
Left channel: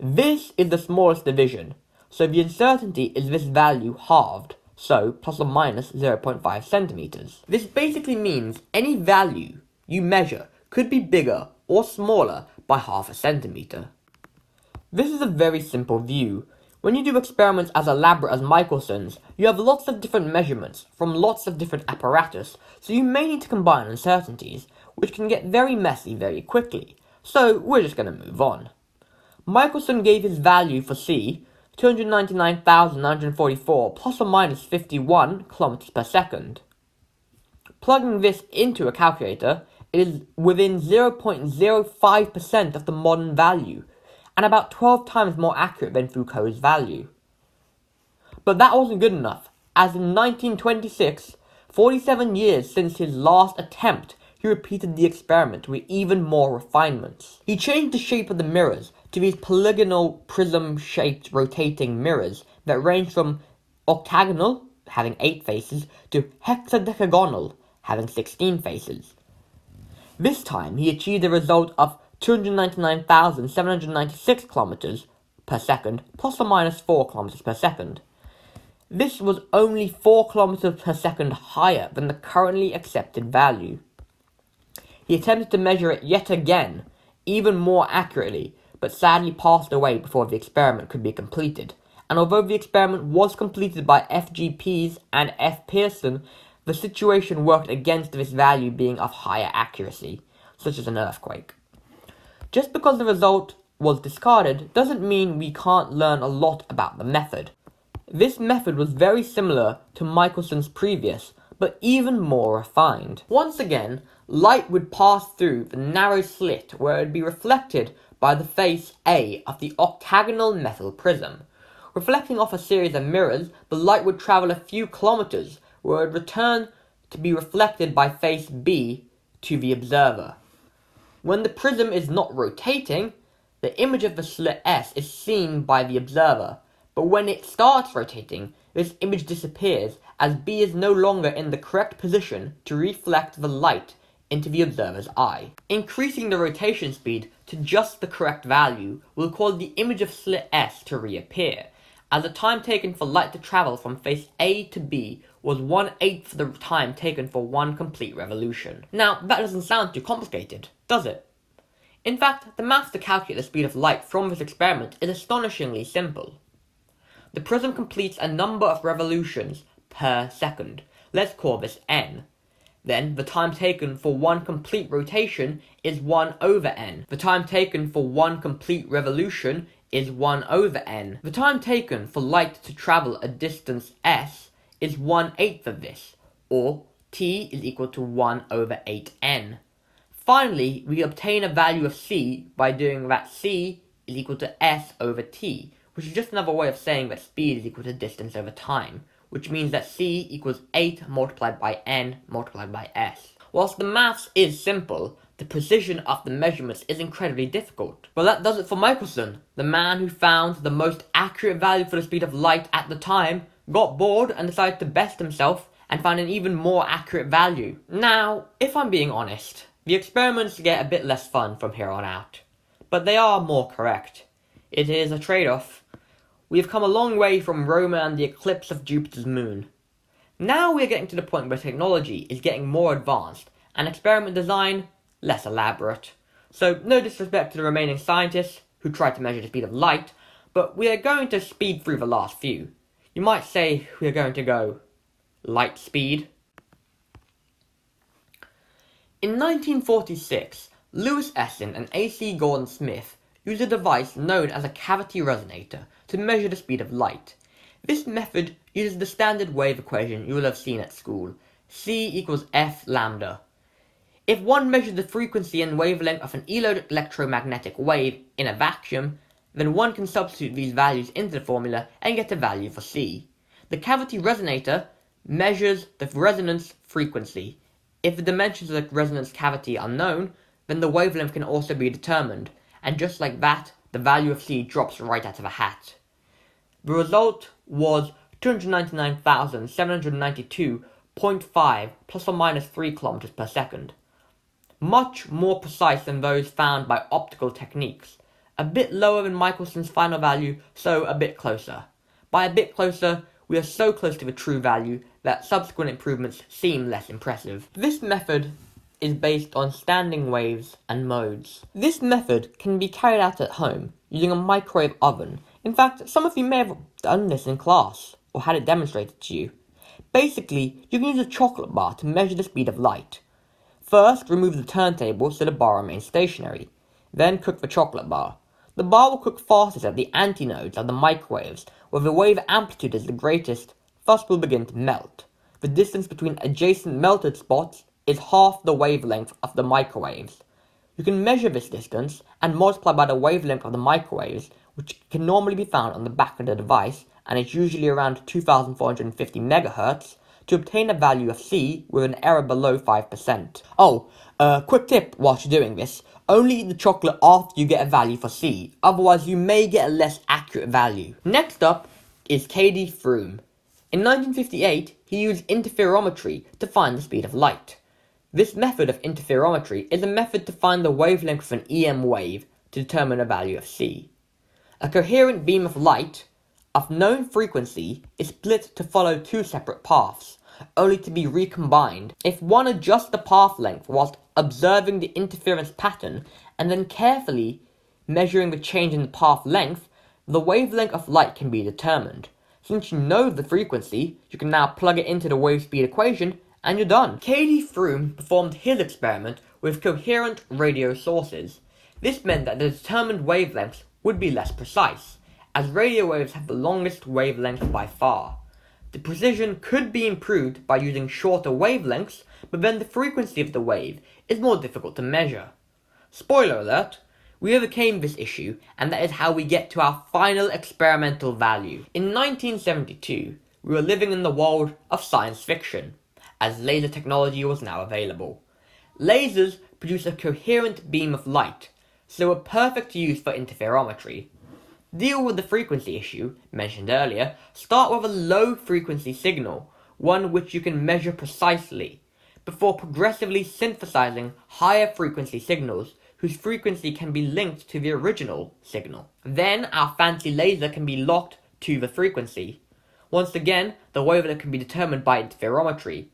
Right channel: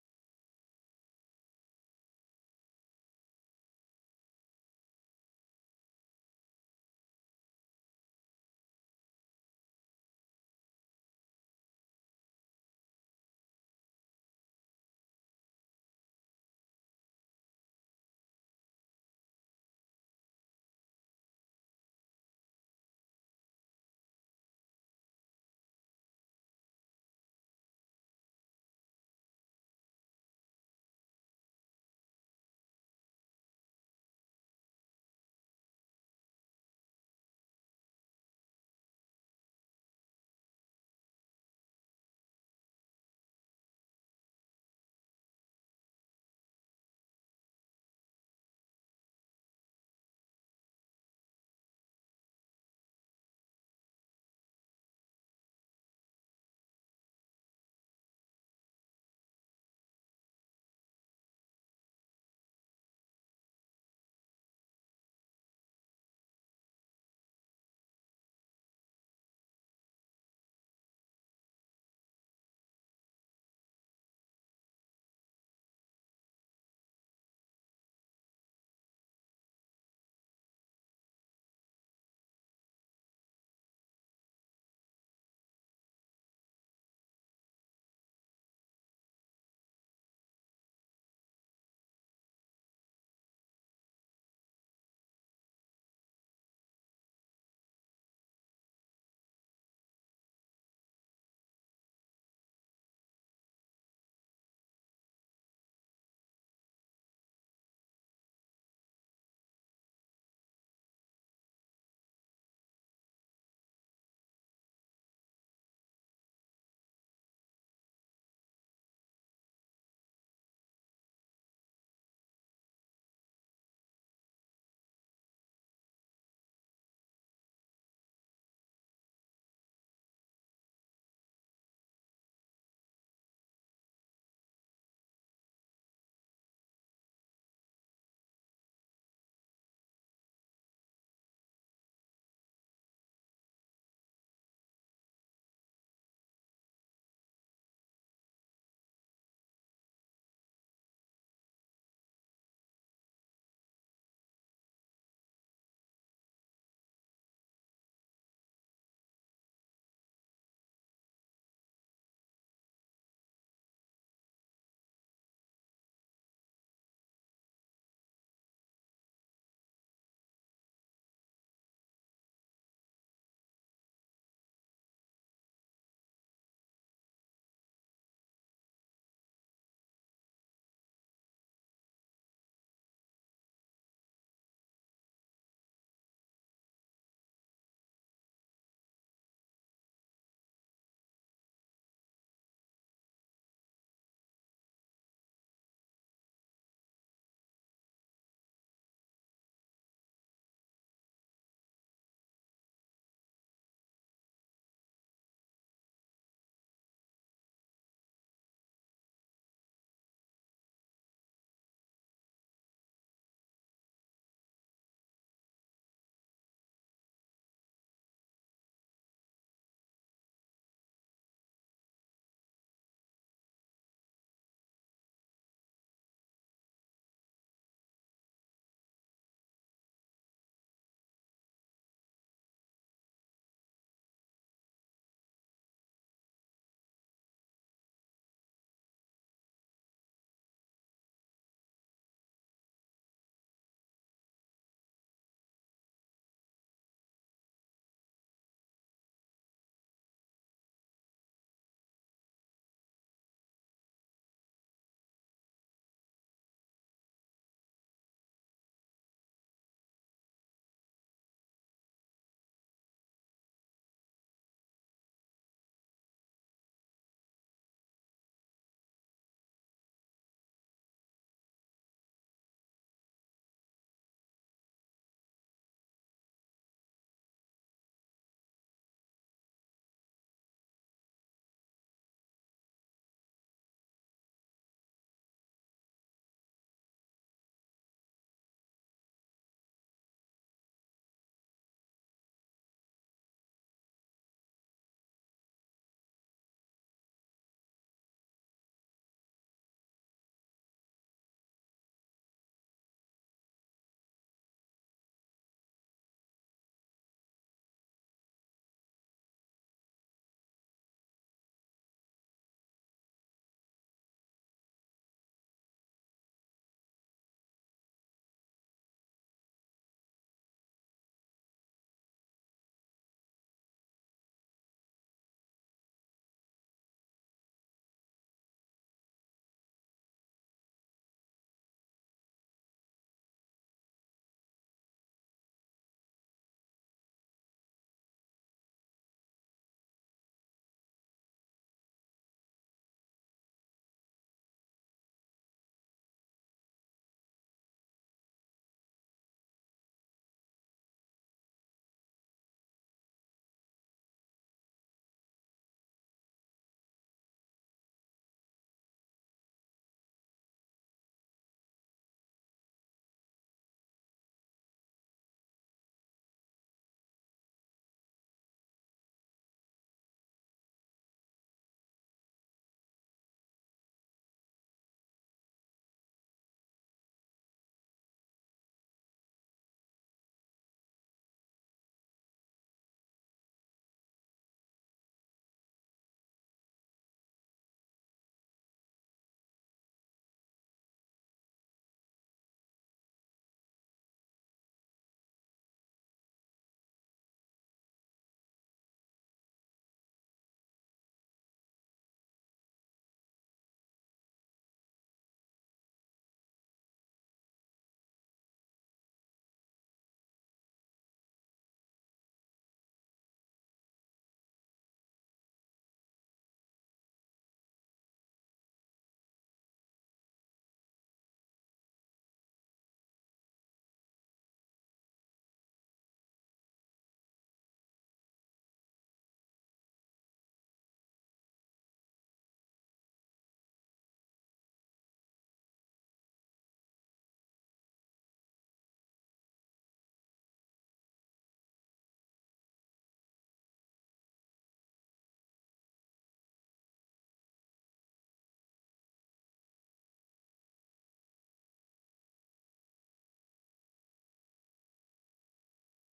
This is the smallest division, so the uncertainty is this value halved, so plus or minus 0.5 centimeters. This basically means any value you measure could be bigger or smaller by half a centimeter. This is a very simple view. When you do experiments as elaborate as Michelson's, you have lots of different measurements from lots of different apparatus, so you may need to combine uncertainties, which can get very messy very quickly. So we're just going to move on. Michelson gave his value for C, 299,944 plus or minus 51 kilometers per second. Plugging this into a calculator, it is within 0.05% of the modern value, and about 12 times more accurate than Foucault's value. But that wasn't good enough, as in 1926, 47 years since his last attempt, he repeated the experiment with even more refinements. He changed the shape of the mirrors to these polygonal prism-shaped rotating mirrors that range from octagonal, having 8 faces, to hexadecagonal, having 16 faces. This time, he achieved a result of 299,796 kilometers per second, plus or minus 4 kilometers per second. This was only 4 kilometers per second higher than the currently accepted value. He attempted to measure it yet again, even more accurately, but sadly passed away before the experiment could be completed. And although the experiment was completed by F.G. Pease and F. Pearson, the situation worked against this value being of higher accuracy, such as an earthquake. Just because the result was discarded doesn't mean we can't learn a lot about the method. This method was very similar to Michelson's previous, but even more refined. Once again, light would pass through the narrow slit where it would be reflected by the face A of the octagonal metal prism. Reflecting off a series of mirrors, the light would travel a few kilometers, where it would return to be reflected by face B to the observer. When the prism is not rotating, the image of the slit S is seen by the observer, but when it starts rotating, this image disappears as B is no longer in the correct position to reflect the light into the observer's eye. Increasing the rotation speed to just the correct value will cause the image of slit S to reappear, as the time taken for light to travel from face A to B was 1/8 the time taken for one complete revolution. Now, that doesn't sound too complicated, does it? In fact, the maths to calculate the speed of light from this experiment is astonishingly simple. The prism completes a number of revolutions per second. Let's call this n. Then the time taken for one complete rotation is 1 over n. The time taken for one complete revolution is 1 over n. The time taken for light to travel a distance s is 1/8 of this, or t is equal to 1 over 8n. Finally, we obtain a value of c by doing that c is equal to s over t, which is just another way of saying that speed is equal to distance over time, which means that c equals 8 multiplied by n multiplied by s. Whilst the maths is simple, the precision of the measurements is incredibly difficult. Well, that does it for Michelson. The man who found the most accurate value for the speed of light at the time got bored and decided to best himself and find an even more accurate value. Now, if I'm being honest, the experiments get a bit less fun from here on out, but they are more correct. It is a trade-off. We have come a long way from Roma and the eclipse of Jupiter's moon. Now we are getting to the point where technology is getting more advanced and experiment design less elaborate. So no disrespect to the remaining scientists who tried to measure the speed of light, but we are going to speed through the last few. You might say we are going to go light speed. In 1946, Lewis Essen and A.C. Gordon Smith used a device known as a cavity resonator to measure the speed of light. This method uses the standard wave equation you will have seen at school, c equals f lambda. If one measures the frequency and wavelength of an electromagnetic wave in a vacuum, then one can substitute these values into the formula and get a value for c. The cavity resonator measures the resonance frequency. If the dimensions of the resonance cavity are known, then the wavelength can also be determined, and just like that, the value of c drops right out of a hat. The result was 299,792.5 plus or minus 3 kilometers per second. Much more precise than those found by optical techniques. A bit lower than Michelson's final value, so a bit closer. By a bit closer, we are so close to the true value that subsequent improvements seem less impressive. This method is based on standing waves and modes. This method can be carried out at home using a microwave oven. In fact, some of you may have done this in class or had it demonstrated to you. Basically, you can use a chocolate bar to measure the speed of light. First, remove the turntable so the bar remains stationary. Then cook the chocolate bar. The bar will cook fastest at the antinodes of the microwaves, where the wave amplitude is the greatest, thus will begin to melt. The distance between adjacent melted spots is half the wavelength of the microwaves. You can measure this distance and multiply by the wavelength of the microwaves, which can normally be found on the back of the device, and is usually around 2450 MHz, to obtain a value of c with an error below 5%. Oh, quick tip whilst you're doing this, only eat the chocolate after you get a value for c, otherwise you may get a less accurate value. Next up is K.D. Froome. In 1958, he used interferometry to find the speed of light. This method of interferometry is a method to find the wavelength of an EM wave to determine a value of c. A coherent beam of light of known frequency is split to follow two separate paths, only to be recombined. If one adjusts the path length whilst observing the interference pattern and then carefully measuring the change in the path length, the wavelength of light can be determined. Since you know the frequency, you can now plug it into the wave speed equation and you're done. K.D. Froome performed his experiment with coherent radio sources. This meant that the determined wavelengths would be less precise, as radio waves have the longest wavelength by far. The precision could be improved by using shorter wavelengths, but then the frequency of the wave is more difficult to measure. Spoiler alert, we overcame this issue, and that is how we get to our final experimental value. In 1972, we were living in the world of science fiction, as laser technology was now available. Lasers produce a coherent beam of light, so were perfect to use for interferometry. Deal with the frequency issue, mentioned earlier, start with a low frequency signal, one which you can measure precisely, before progressively synthesizing higher frequency signals whose frequency can be linked to the original signal. Then our fancy laser can be locked to the frequency. Once again, the wavelength can be determined by interferometry.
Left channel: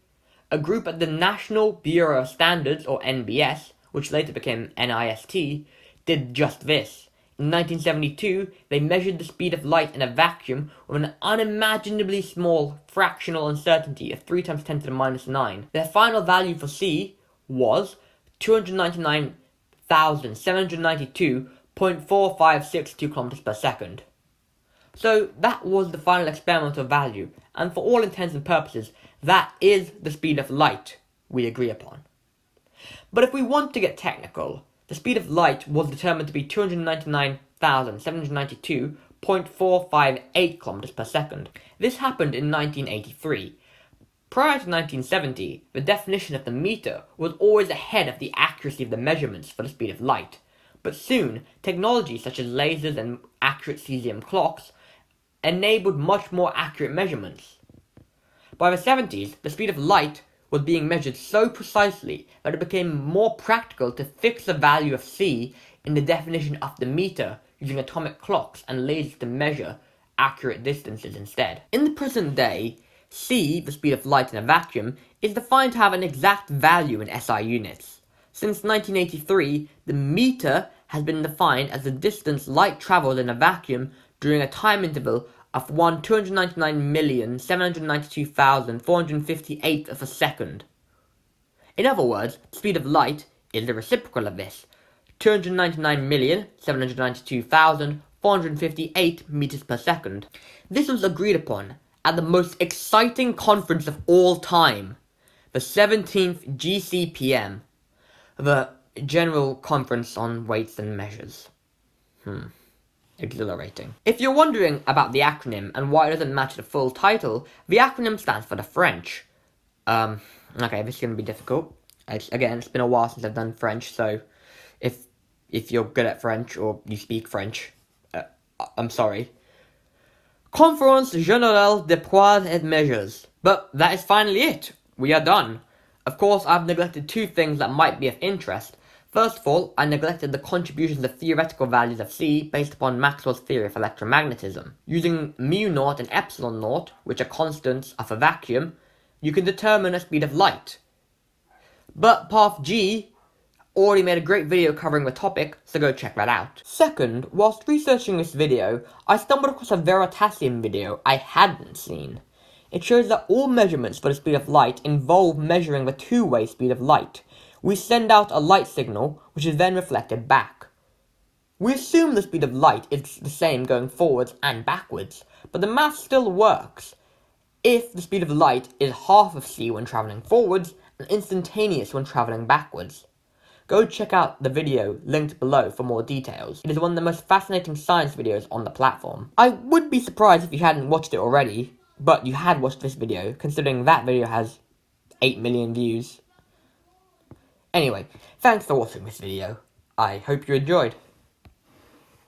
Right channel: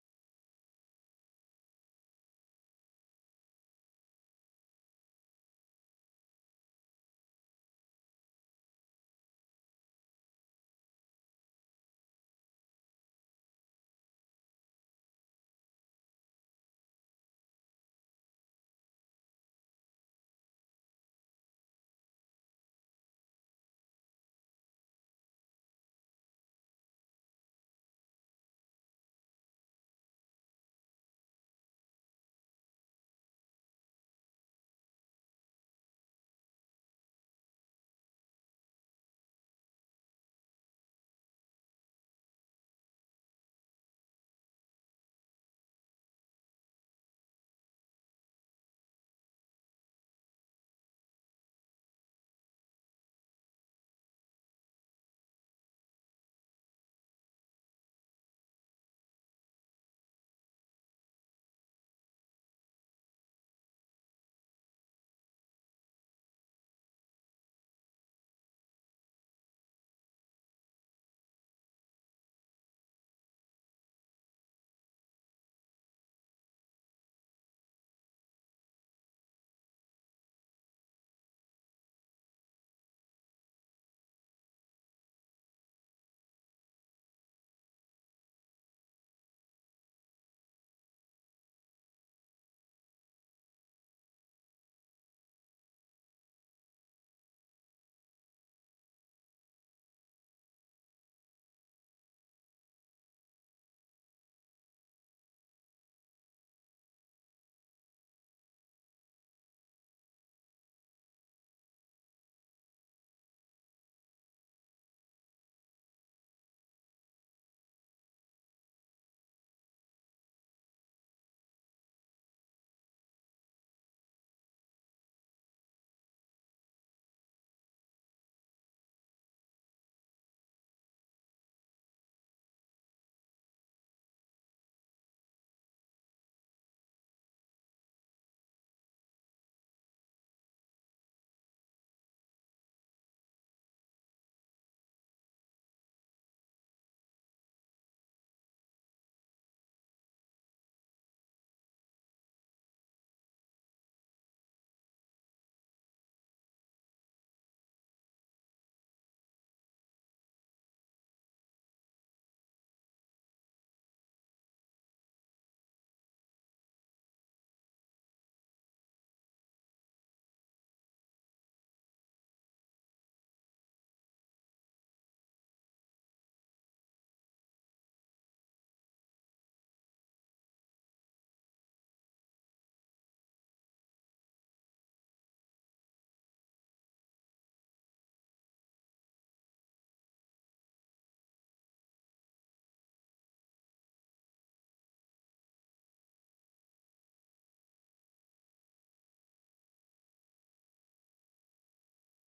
A group at the National Bureau of Standards, or NBS, which later became NIST, did just this. In 1972, they measured the speed of light in a vacuum with an unimaginably small fractional uncertainty of 3 times 10 to the minus 9. Their final value for C was 299,792.4562 kilometers per second. So that was the final experimental value, and for all intents and purposes, that is the speed of light we agree upon. But if we want to get technical, the speed of light was determined to be 299,792.458 kilometers per second. This happened in 1983. Prior to 1970, the definition of the meter was always ahead of the accuracy of the measurements for the speed of light. But soon, technology such as lasers and accurate cesium clocks enabled much more accurate measurements. By the 70s, the speed of light was being measured so precisely that it became more practical to fix the value of C in the definition of the meter using atomic clocks and lasers to measure accurate distances instead. In the present day, C, the speed of light in a vacuum, is defined to have an exact value in SI units. Since 1983, the meter has been defined as the distance light travels in a vacuum during a time interval of 299,792,458 of a second. In other words, the speed of light is the reciprocal of this, 299,792,458 meters per second. This was agreed upon at the most exciting conference of all time, the 17th GCPM, the General Conference on Weights and Measures. Exhilarating. If you're wondering about the acronym and why it doesn't match the full title, the acronym stands for the French. Okay, this is going to be difficult. It's been a while since I've done French, so if you're good at French or you speak French, I'm sorry. Conférence Générale des Poids et Mesures. But that is finally it. We are done. Of course, I've neglected two things that might be of interest. First of all, I neglected the contributions of theoretical values of C based upon Maxwell's theory of electromagnetism. Using mu0 and epsilon naught, which are constants of a vacuum, you can determine a speed of light. But Path G already made a great video covering the topic, so go check that out. Second, whilst researching this video, I stumbled across a Veritasium video I hadn't seen. It shows that all measurements for the speed of light involve measuring the two-way speed of light. We send out a light signal, which is then reflected back. We assume the speed of light is the same going forwards and backwards, but the math still works if the speed of light is half of c when travelling forwards and instantaneous when travelling backwards. Go check out the video linked below for more details. It is one of the most fascinating science videos on the platform. I would be surprised if you hadn't watched it already, but you had watched this video, considering that video has 8 million views. Anyway, thanks for watching this video. I hope you enjoyed.